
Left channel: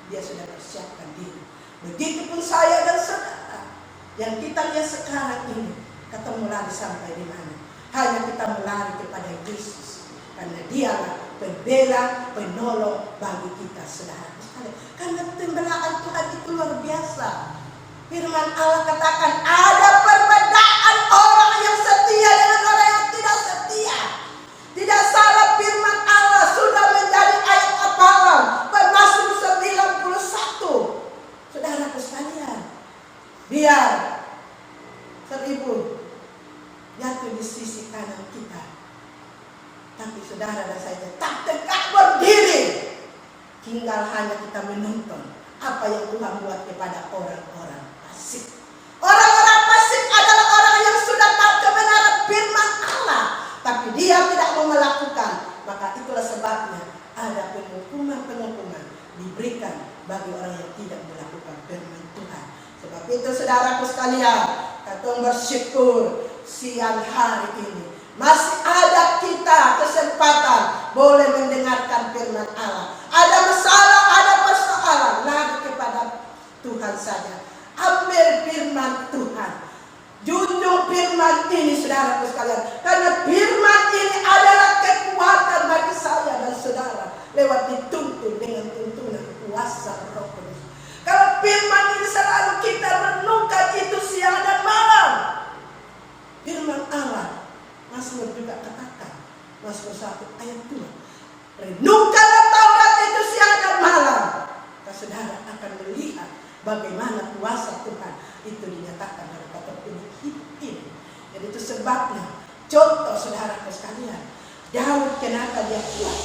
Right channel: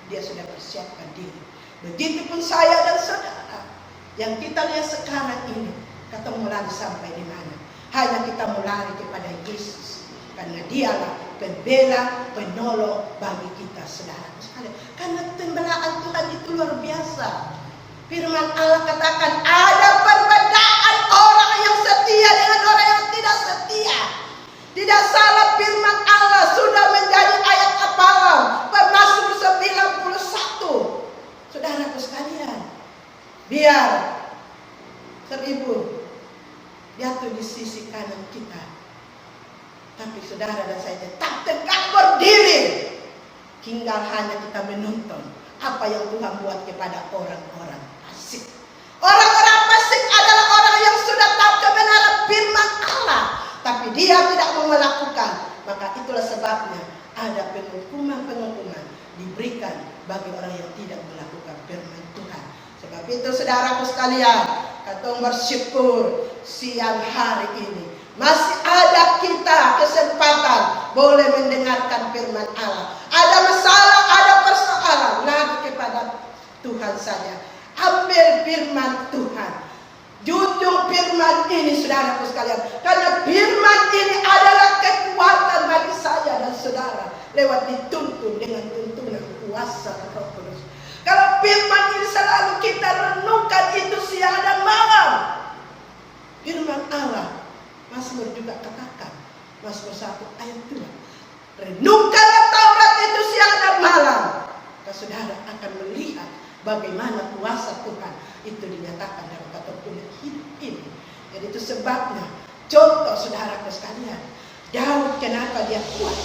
Dia sudah persiapkan diri. Begitupun saya dan saudara yang kita lihat sekarang ini, ketemu lagi sampai di mana? Hanya kita melari kepada Yesus, karena Dialah pembela, penolong bagi kita, saudara sekalian. Karena pembelaan Tuhan itu luar biasa. Firman Allah katakan ada perbedaan orang yang setia dengan orang yang tidak setia. Tidak salah firman Allah sudah menjadi ayat hafalan Mazmur 91. Saudaraku sekalian, biar 1000 jatuh di sisi kanan kita, tapi saudara dan saya tetap tegak berdiri. Tinggal hanya kita menonton apa yang Tuhan buat kepada orang-orang fasik. Orang-orang fasik adalah orang yang sudah tahu kebenaran firman Allah, tapi dia tidak mau melakukan. Maka itulah sebabnya ada penghukuman diberikan bagi orang yang tidak melakukan firman Tuhan. Sebab itu saudaraku sekalian, katong bersyukur siang hari ini masih ada kita kesempatan boleh mendengarkan firman Allah. Ada masalah, ada persoalan, lagi kepada Tuhan saja. Ambil firman Tuhan, junjung firman ini saudaraku sekalian. Karena firman ini adalah kekuatan bagi saya dan saudara lewat dituntun dengan tuntunan kuasa Roh Kudus. Kalau firman ini selalu kita renungkan itu siang dan malam. Firman Allah, Mazmur juga katakan, Mazmur 1 ayat 2, renungkanlah Taurat itu siang dan malam. Maka saudara akan melihat bagaimana kuasa Tuhan itu dinyatakan dalam kehidupan hidup ini. Jadi itu sebabnya, contoh saudaraku sekalian, Daud kenapa dia kuat?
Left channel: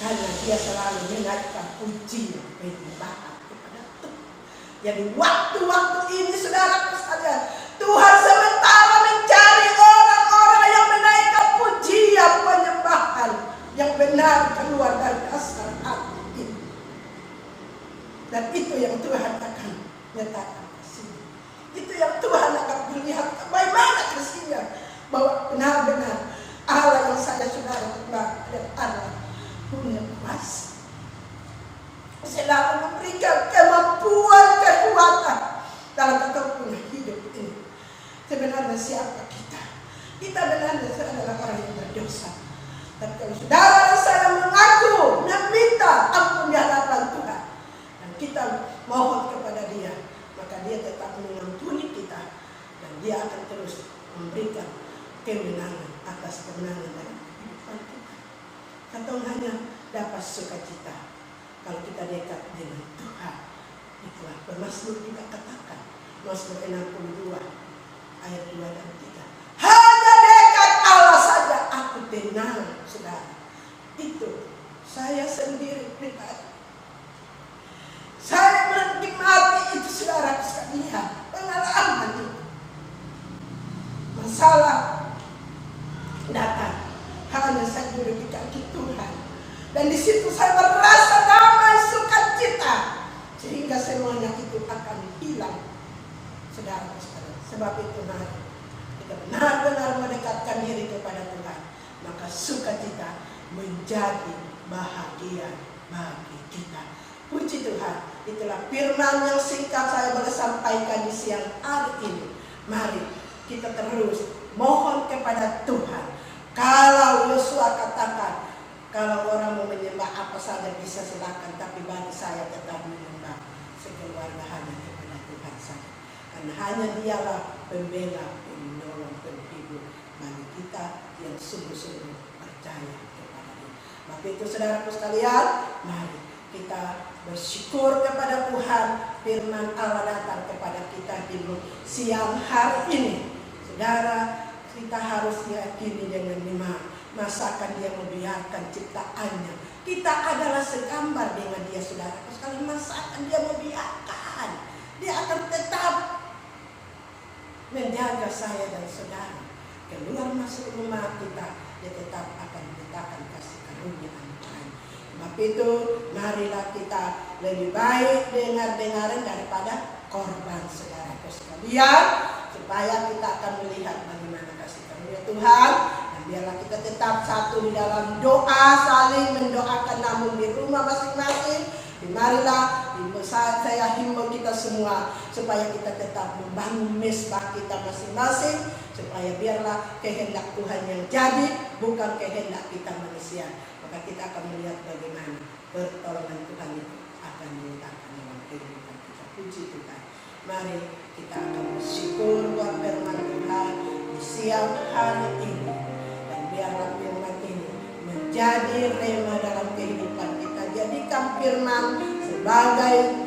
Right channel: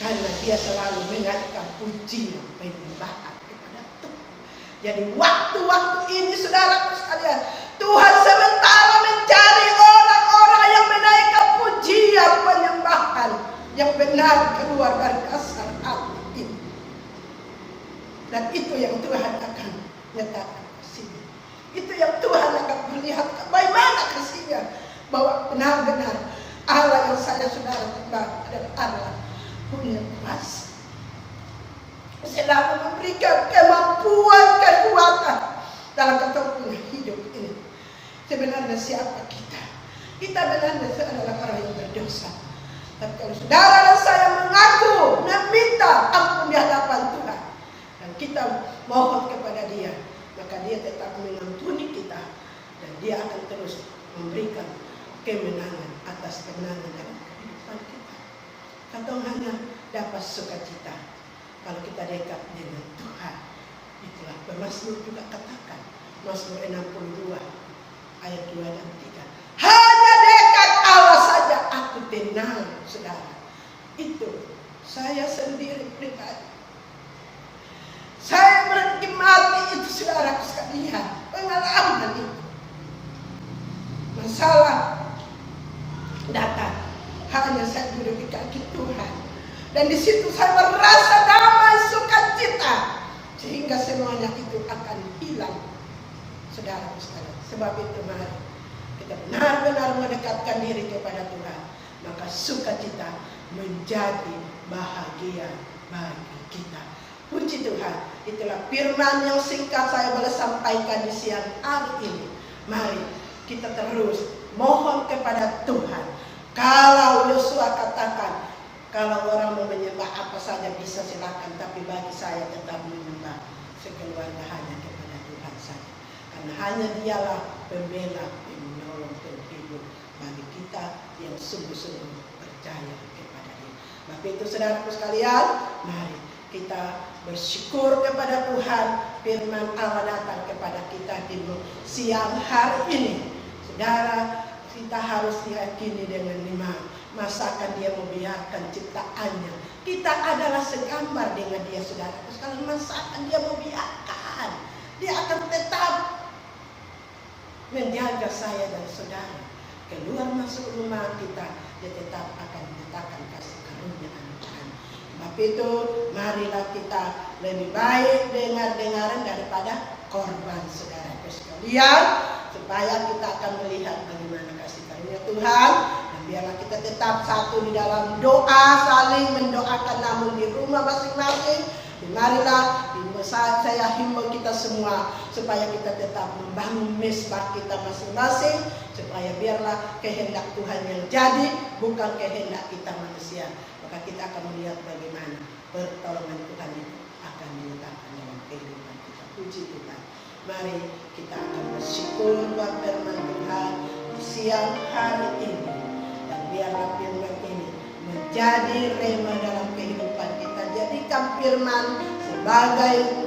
Karena dia selalu menaikkan pujian penyembahan kepada Tuhan. Jadi waktu-waktu ini saudaraku sekalian, Tuhan sementara mencari orang-orang yang menaikkan pujian penyembahan yang benar keluar dari dasar hati ini. Dan itu yang Tuhan akan nyatakan ke sini. Itu yang Tuhan akan melihat bagaimana kasihnya, bahwa benar-benar Allah yang saya saudara kenal adalah Allah punya kuasa. Selalu memberikan kemampuan, kekuatan dalam kehidupan hidup ini. Sebenarnya siapa kita? Kita benar-benar adalah orang yang berdosa. Tapi kalau saudara dan saya mengaku, meminta ampun di hadapan Tuhan, dan kita mohon kepada Dia, maka Dia tetap mengampuni kita, dan Dia akan terus memberikan kemenangan atas kemenangan dalam kehidupan kita. Kita hanya dapat sukacita kalau kita dekat dengan Tuhan. Itulah Mazmur juga katakan, Mazmur 62 ayat 2 dan 3. Hanya dekat Allah saja aku tenang, saudara. Itu saya sendiri pribadi. Saya menikmati itu, saudara sekalian, pengalaman itu. Masalah datang, hanya saya duduk di kaki Tuhan, dan di situ saya merasa damai, sukacita, sehingga semuanya itu akan hilang, saudara sekalian. Sebab itu mari kita benar-benar mendekatkan diri kepada Tuhan, maka sukacita menjadi bahagia bagi kita. Puji Tuhan, itulah firman yang singkat saya boleh sampaikan di siang hari ini. Mari kita terus mohon kepada Tuhan. Kalau Yosua katakan, kalau orang mau menyembah apa saja bisa silakan, tapi bagi saya tetap menyembah sekeluarga hanya kepada Tuhan saja. Karena hanya Dialah pembela, penolong, penghibur bagi kita yang sungguh-sungguh percaya kepada Dia. Maka itu saudaraku sekalian, mari kita bersyukur kepada Tuhan. Firman Allah datang kepada kita di siang hari ini. Saudara, kita harus yakini dengan iman. Masakan Dia membiarkan ciptaannya. Kita adalah segambar dengan Dia, saudara. Sekali masakan Dia membiarkan, Dia akan tetap menjaga saya dan saudara. Keluar masuk rumah kita, Dia tetap akan menyatakan kasih karunia Tuhan. Sebab itu, marilah kita lebih baik dengar-dengaran daripada korban, saudara sekalian, supaya kita akan melihat bagaimana kasih karunia Tuhan. Dan biarlah kita tetap satu di dalam doa, saling mendoakan, namun di rumah masing-masing. Marilah saya himbau kita semua supaya kita tetap membangun mesbah kita masing-masing, supaya biarlah kehendak Tuhan yang jadi, bukan kehendak kita manusia. Maka kita akan melihat bagaimana pertolongan Tuhan itu akan menyatakan dalam kehidupan kita. Puji Tuhan. Mari kita akan bersyukur buat firman Tuhan di siang hari ini. Dan biarlah firman ini menjadi rema dalam kehidupan kita. Jadikan firman sebagai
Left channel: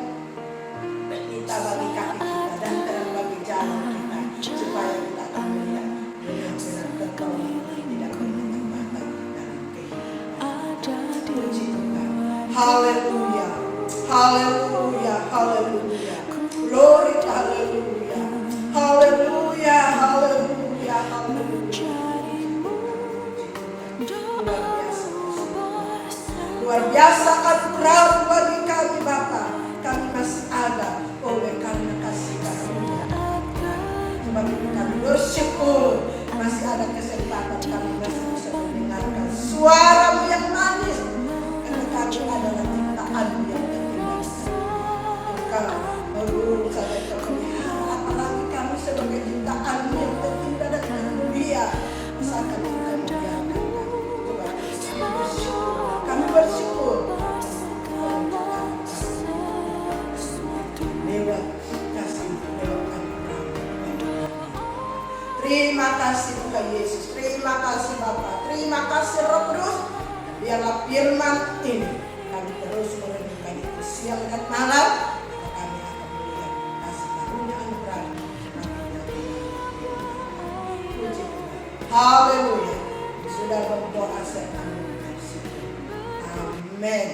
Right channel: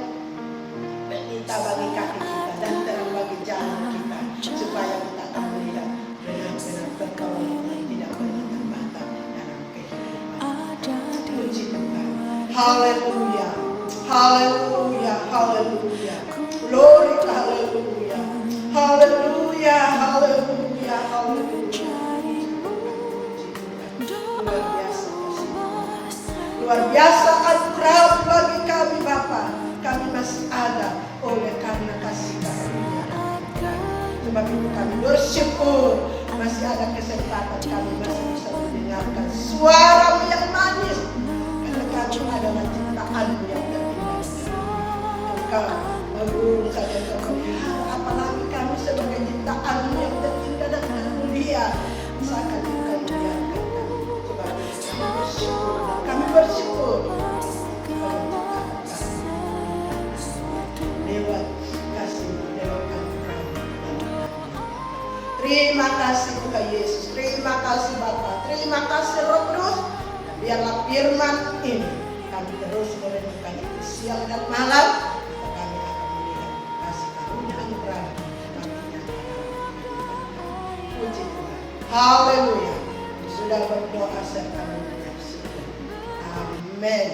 pelita bagi kaki kita dan terang bagi jalan kita, supaya kita akan melihat benar-benar pertolongan tidak berbatas dalam kehidupan. Puji Tuhan. Haleluya. Haleluya. Haleluya. Glory, haleluya. Haleluya. Haleluya. Haleluya. Luar biasa anugerah bagi kami Bapa. Kami masih ada oleh karena kasih karunia. Sebab itu kami bersyukur masih ada kesempatan, kami masih bisa mendengarkan suara-Mu yang manis. Karena kami adalah ciptaan yang terindah. Engkau berguru saja kemuliaan, apalagi kami sebagai ciptaan-Mu yang terindah dan termulia. Misalkan Engkau membiarkan kami. Sebab itu kami bersyukur. Kami bersyukur lewat kasih, lewat anugerah. Terima kasih Tuhan Yesus, terima kasih Bapa, terima kasih Roh Kudus. Biarlah firman ini kami terus merenungkan itu siang dan malam. Maka kami akan melihat kasih karunia anugerah semakin nyata dalam kehidupan kami. Puji Tuhan. Haleluya. Sudah berdoa serta mengucap syukur. Amin.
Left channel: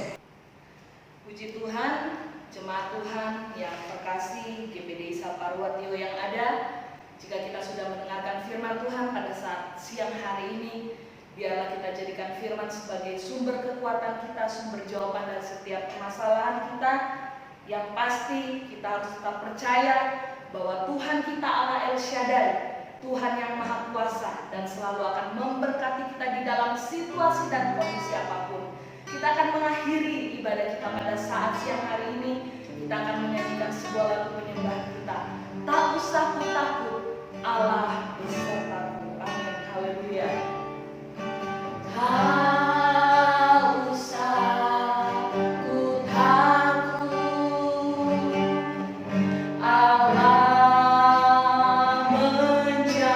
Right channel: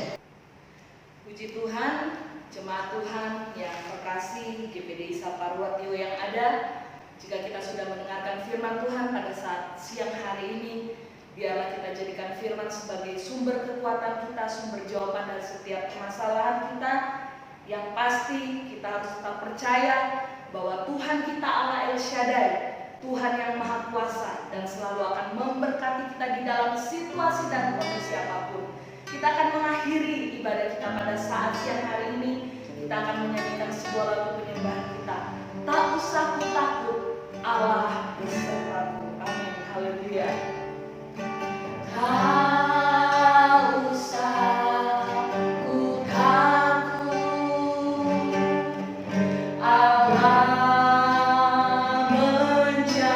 Puji Tuhan, jemaat Tuhan yang terkasih, GPDI Saparwatio yang ada. Jika kita sudah mendengarkan firman Tuhan pada saat siang hari ini, biarlah kita jadikan firman sebagai sumber kekuatan kita, sumber jawaban dari setiap permasalahan kita. Yang pasti kita harus tetap percaya bahwa Tuhan kita Allah El Shaddai, Tuhan yang Maha Kuasa, dan selalu akan memberkati kita di dalam situasi dan kondisi apapun. Kita akan mengakhiri ibadah kita pada saat siang hari ini. Kita akan menyanyikan sebuah lagu penyembahan kita. Tak usah ku takut, Allah besertaku. Amin. Haleluya. Tak usah ku takut, Allah menjagaku.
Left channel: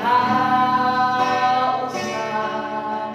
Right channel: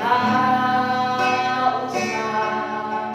Tak usah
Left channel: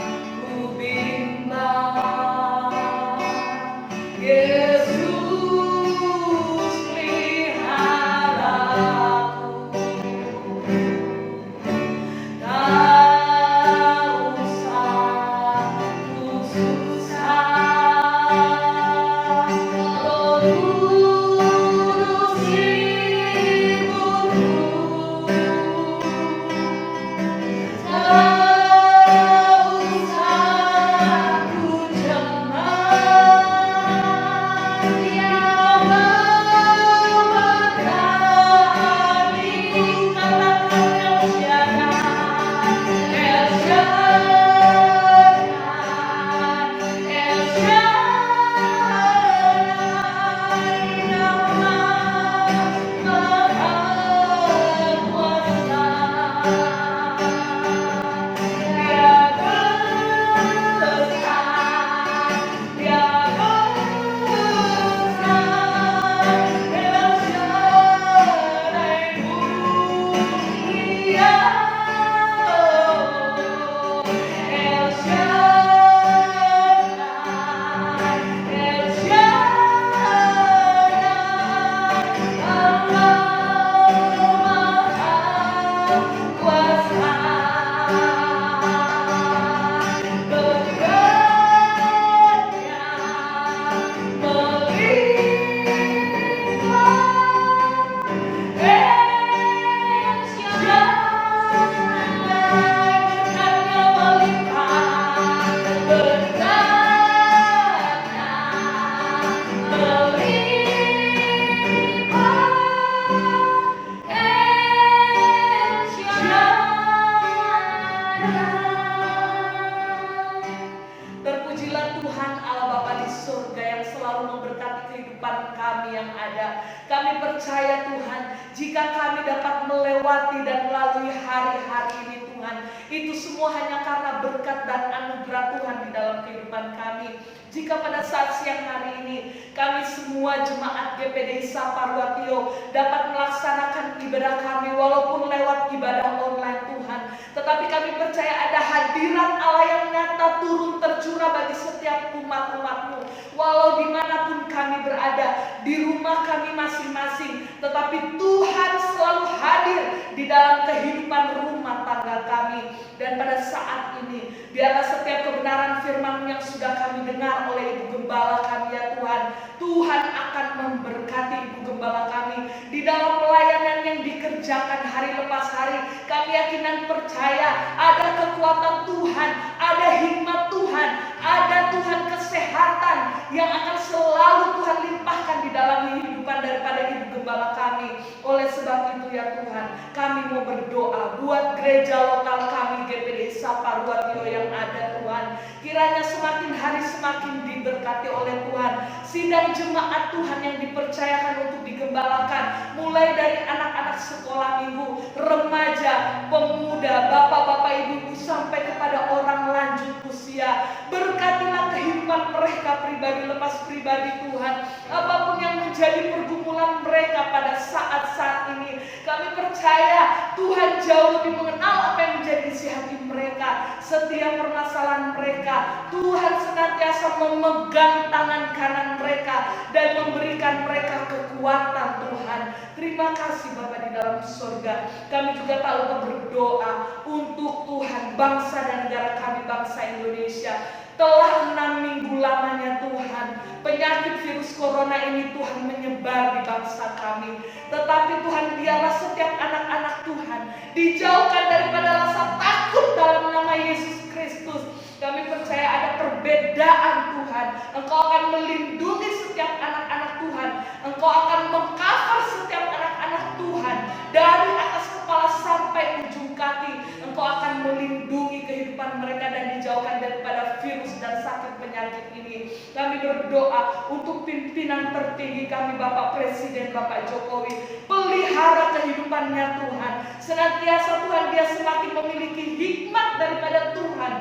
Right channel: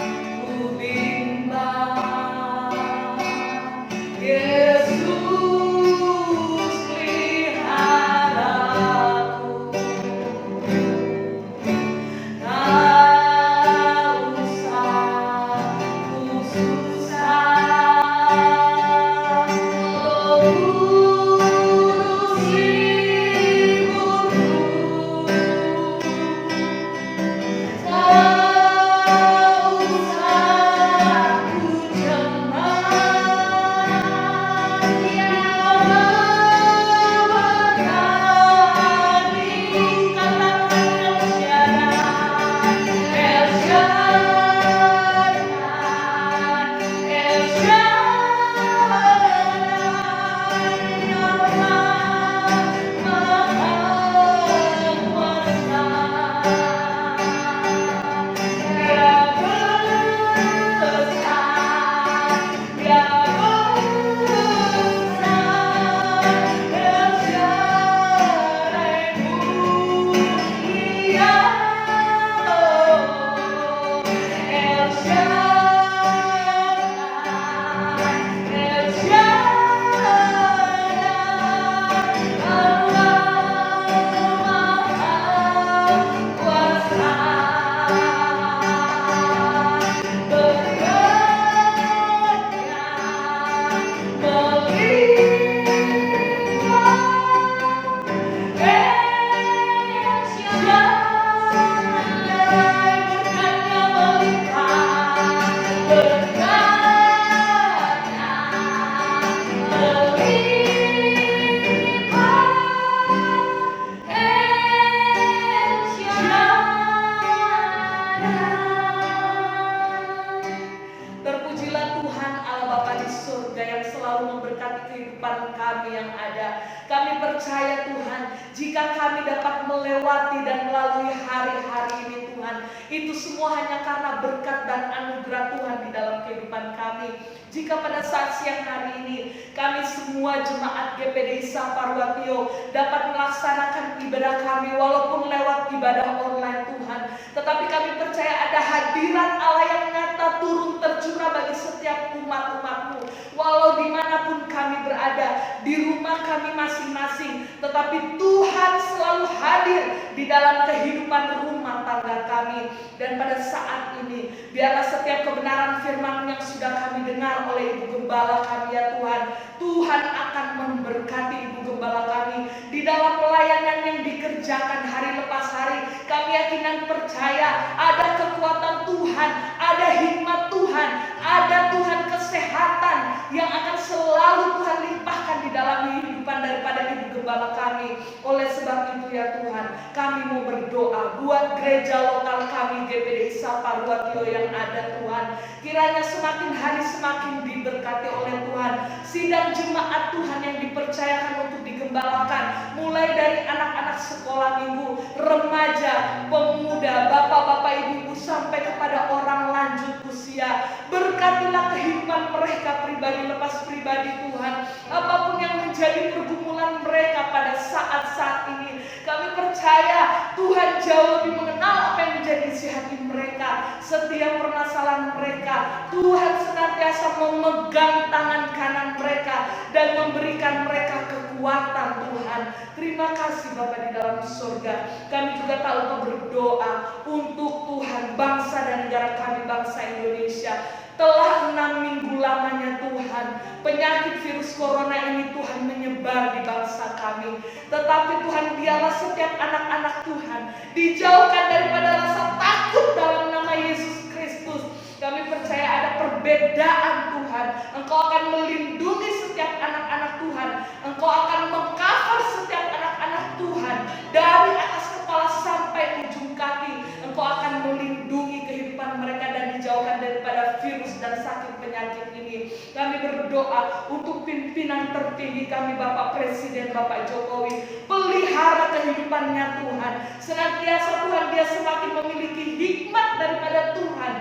memberkati kehidupan kami yang ada. Kami percaya Tuhan, jika kami dapat melewati dan melalui hari-hari ini Tuhan, itu semua hanya karena berkat dan anugerah Tuhan di dalam kehidupan kami. Jika pada saat siang hari ini kami semua jemaat GPDI Saparwatio dapat melaksanakan ibadah kami walaupun lewat ibadah online Tuhan, tetapi kami percaya ada hadirat Allah yang nyata turun tercurah bagi setiap umat-umat-Mu. Walau dimanapun kami berada, di rumah kami masing-masing, tetapi Tuhan selalu hadir di dalam kehidupan rumah tangga kami. Dan pada saat ini, biarlah setiap kebenaran firman yang sudah kami dengar oleh Ibu Gembala kami ya Tuhan, Tuhan akan memberkati Ibu Gembala kami di dalam pelayanan yang dikerjakan hari lepas hari. Kami yakin dan percaya ada kekuatan Tuhan, ada hikmat Tuhan, ada Tuhan kesehatan yang akan selalu Tuhan limpahkan di dalam kehidupan daripada Ibu Gembala kami. Oleh sebab itu ya Tuhan, kami mau berdoa buat gereja lokal kami GPDI Saparwatio yang ada Tuhan. Kiranya semakin hari semakin diberkati oleh Tuhan. Sidang jemaat Tuhan yang dipercayakan untuk digembalakan, mulai dari anak-anak sekolah minggu, remaja, pemuda, bapak-bapak, ibu-ibu, sampai kepada orang lanjut usia. Berkatilah kehidupan mereka pribadi lepas pribadi Tuhan. Apapun yang menjadi pergumulan mereka pada saat-saat ini, kami percaya Tuhan jauh lebih mengenal apa yang menjadi isi hati mereka. Setiap permasalahan mereka, Tuhan senantiasa memegang tangan kanan mereka dan memberikan mereka kekuatan Tuhan. Terima kasih Bapa di dalam surga. Kami juga tak lupa berdoa untuk Tuhan bangsa dan negara kami, bangsa Indonesia. Telah 6 minggu lamanya Tuhan, penyakit virus corona ini Tuhan menyebar di bangsa kami. Tetapi Tuhan, biarlah setiap anak-anak Tuhan dijauhkan daripada rasa takut dalam nama Yesus Kristus. Kami percaya ada perbedaan Tuhan. Engkau akan melindungi setiap anak-anak Tuhan. Engkau akan mengcover setiap anak-anak Tuhan dari atas kepala sampai ujung kaki. Engkau akan melindungi kehidupan mereka dan dijauhkan daripada virus dan sakit penyakit ini. Kami berdoa untuk pimpinan tertinggi kami, Bapak Presiden, Bapak Jokowi. Pelihara kehidupannya Tuhan. Senantiasa Tuhan dia semakin memiliki hikmat daripada Tuhan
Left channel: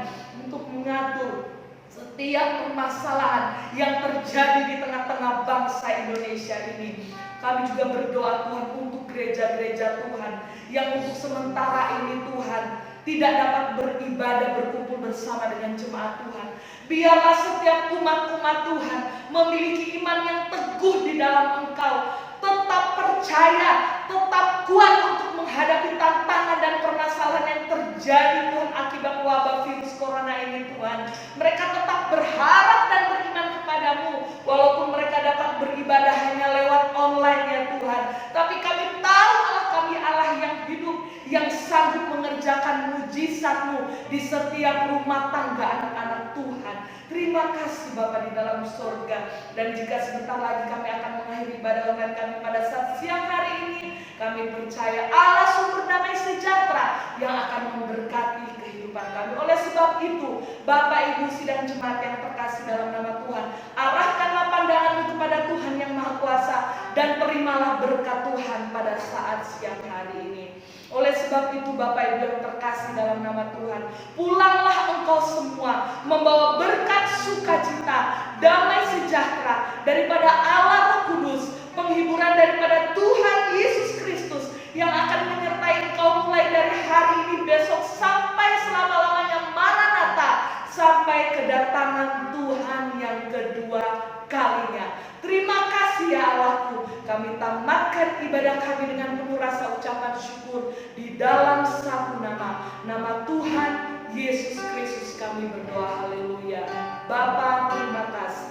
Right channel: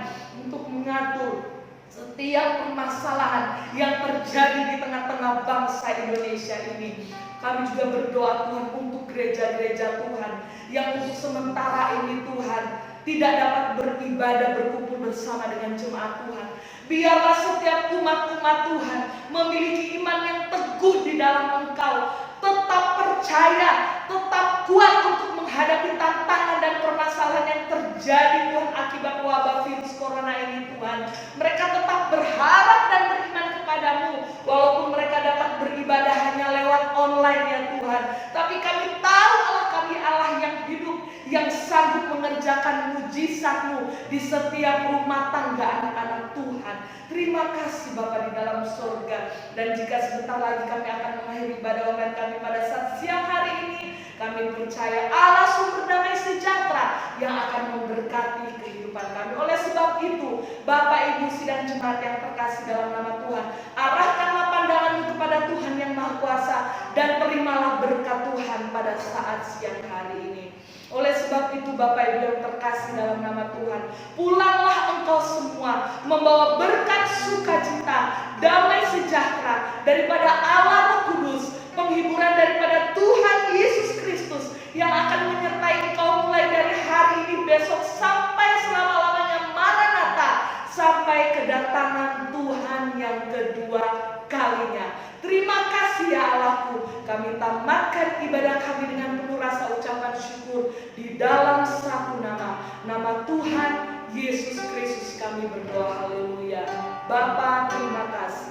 untuk mengatur setiap permasalahan yang terjadi di tengah-tengah bangsa Indonesia ini. Kami juga berdoa Tuhan untuk gereja-gereja Tuhan yang untuk sementara ini Tuhan tidak dapat beribadah berkumpul bersama dengan jemaat Tuhan. Biarlah setiap umat-umat Tuhan memiliki iman yang teguh di dalam Engkau, tetap percaya, tetap kuat untuk menghadapi tantangan dan permasalahan yang terjadi Tuhan akibat wabah virus corona ini Tuhan. Mereka tetap berharap dan beriman kepadamu walaupun mereka dapat beribadah hanya lewat online ya Tuhan. Tapi kami tahu Allah kami Allah yang hidup, yang sanggup mengerjakan mujizat-Mu di setiap rumah tangga anak-anak Tuhan. Terima kasih Bapa di dalam surga. Dan jika sebentar lagi kami akan mengakhiri ibadah online kami pada saat siang hari ini, kami percaya Allah sumber damai sejahtera yang akan memberkati kehidupan kami. Oleh sebab itu, Bapak Ibu sidang jemaat yang terkasih dalam nama Tuhan, arahkanlah pandanganmu kepada Tuhan yang Maha Kuasa dan terimalah berkat Tuhan pada saat siang hari ini. Oleh sebab itu Bapak Ibu yang terkasih dalam nama Tuhan, pulanglah engkau semua membawa berkat sukacita, damai sejahtera daripada Allah Roh Kudus, penghiburan daripada Tuhan Yesus Kristus yang akan menyertai engkau mulai dari hari ini, besok sampai selama-lamanya Maranatha, sampai kedatangan Tuhan yang kedua kalinya. Terima kasih ya Allahku. Kami tamatkan ibadah kami dengan penuh rasa ucapan syukur di dalam satu nama, nama Tuhan Yesus Kristus kami berdoa. Haleluya. Bapa, terima kasih.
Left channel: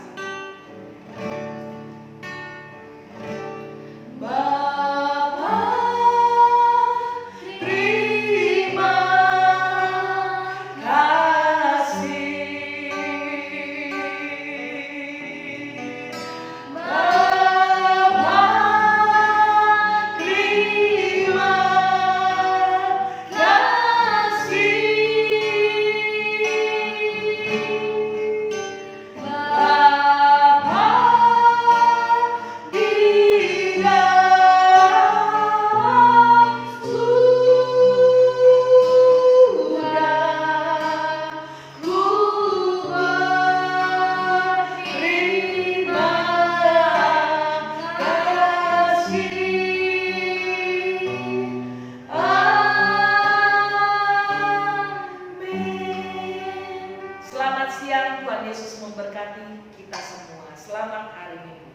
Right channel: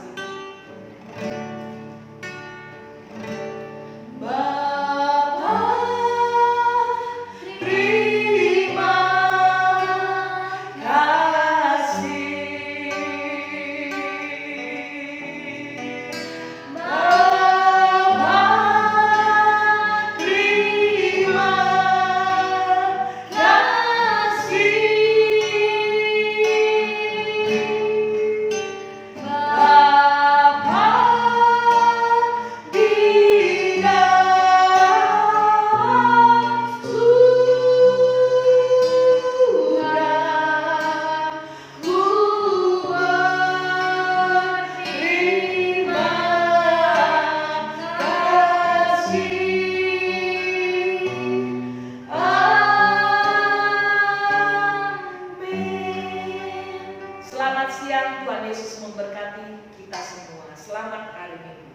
Bapa, terima kasih. Bapa, terima kasih. Bapa, Selamat siang, Tuhan Yesus memberkati kita semua. Selamat hari Minggu.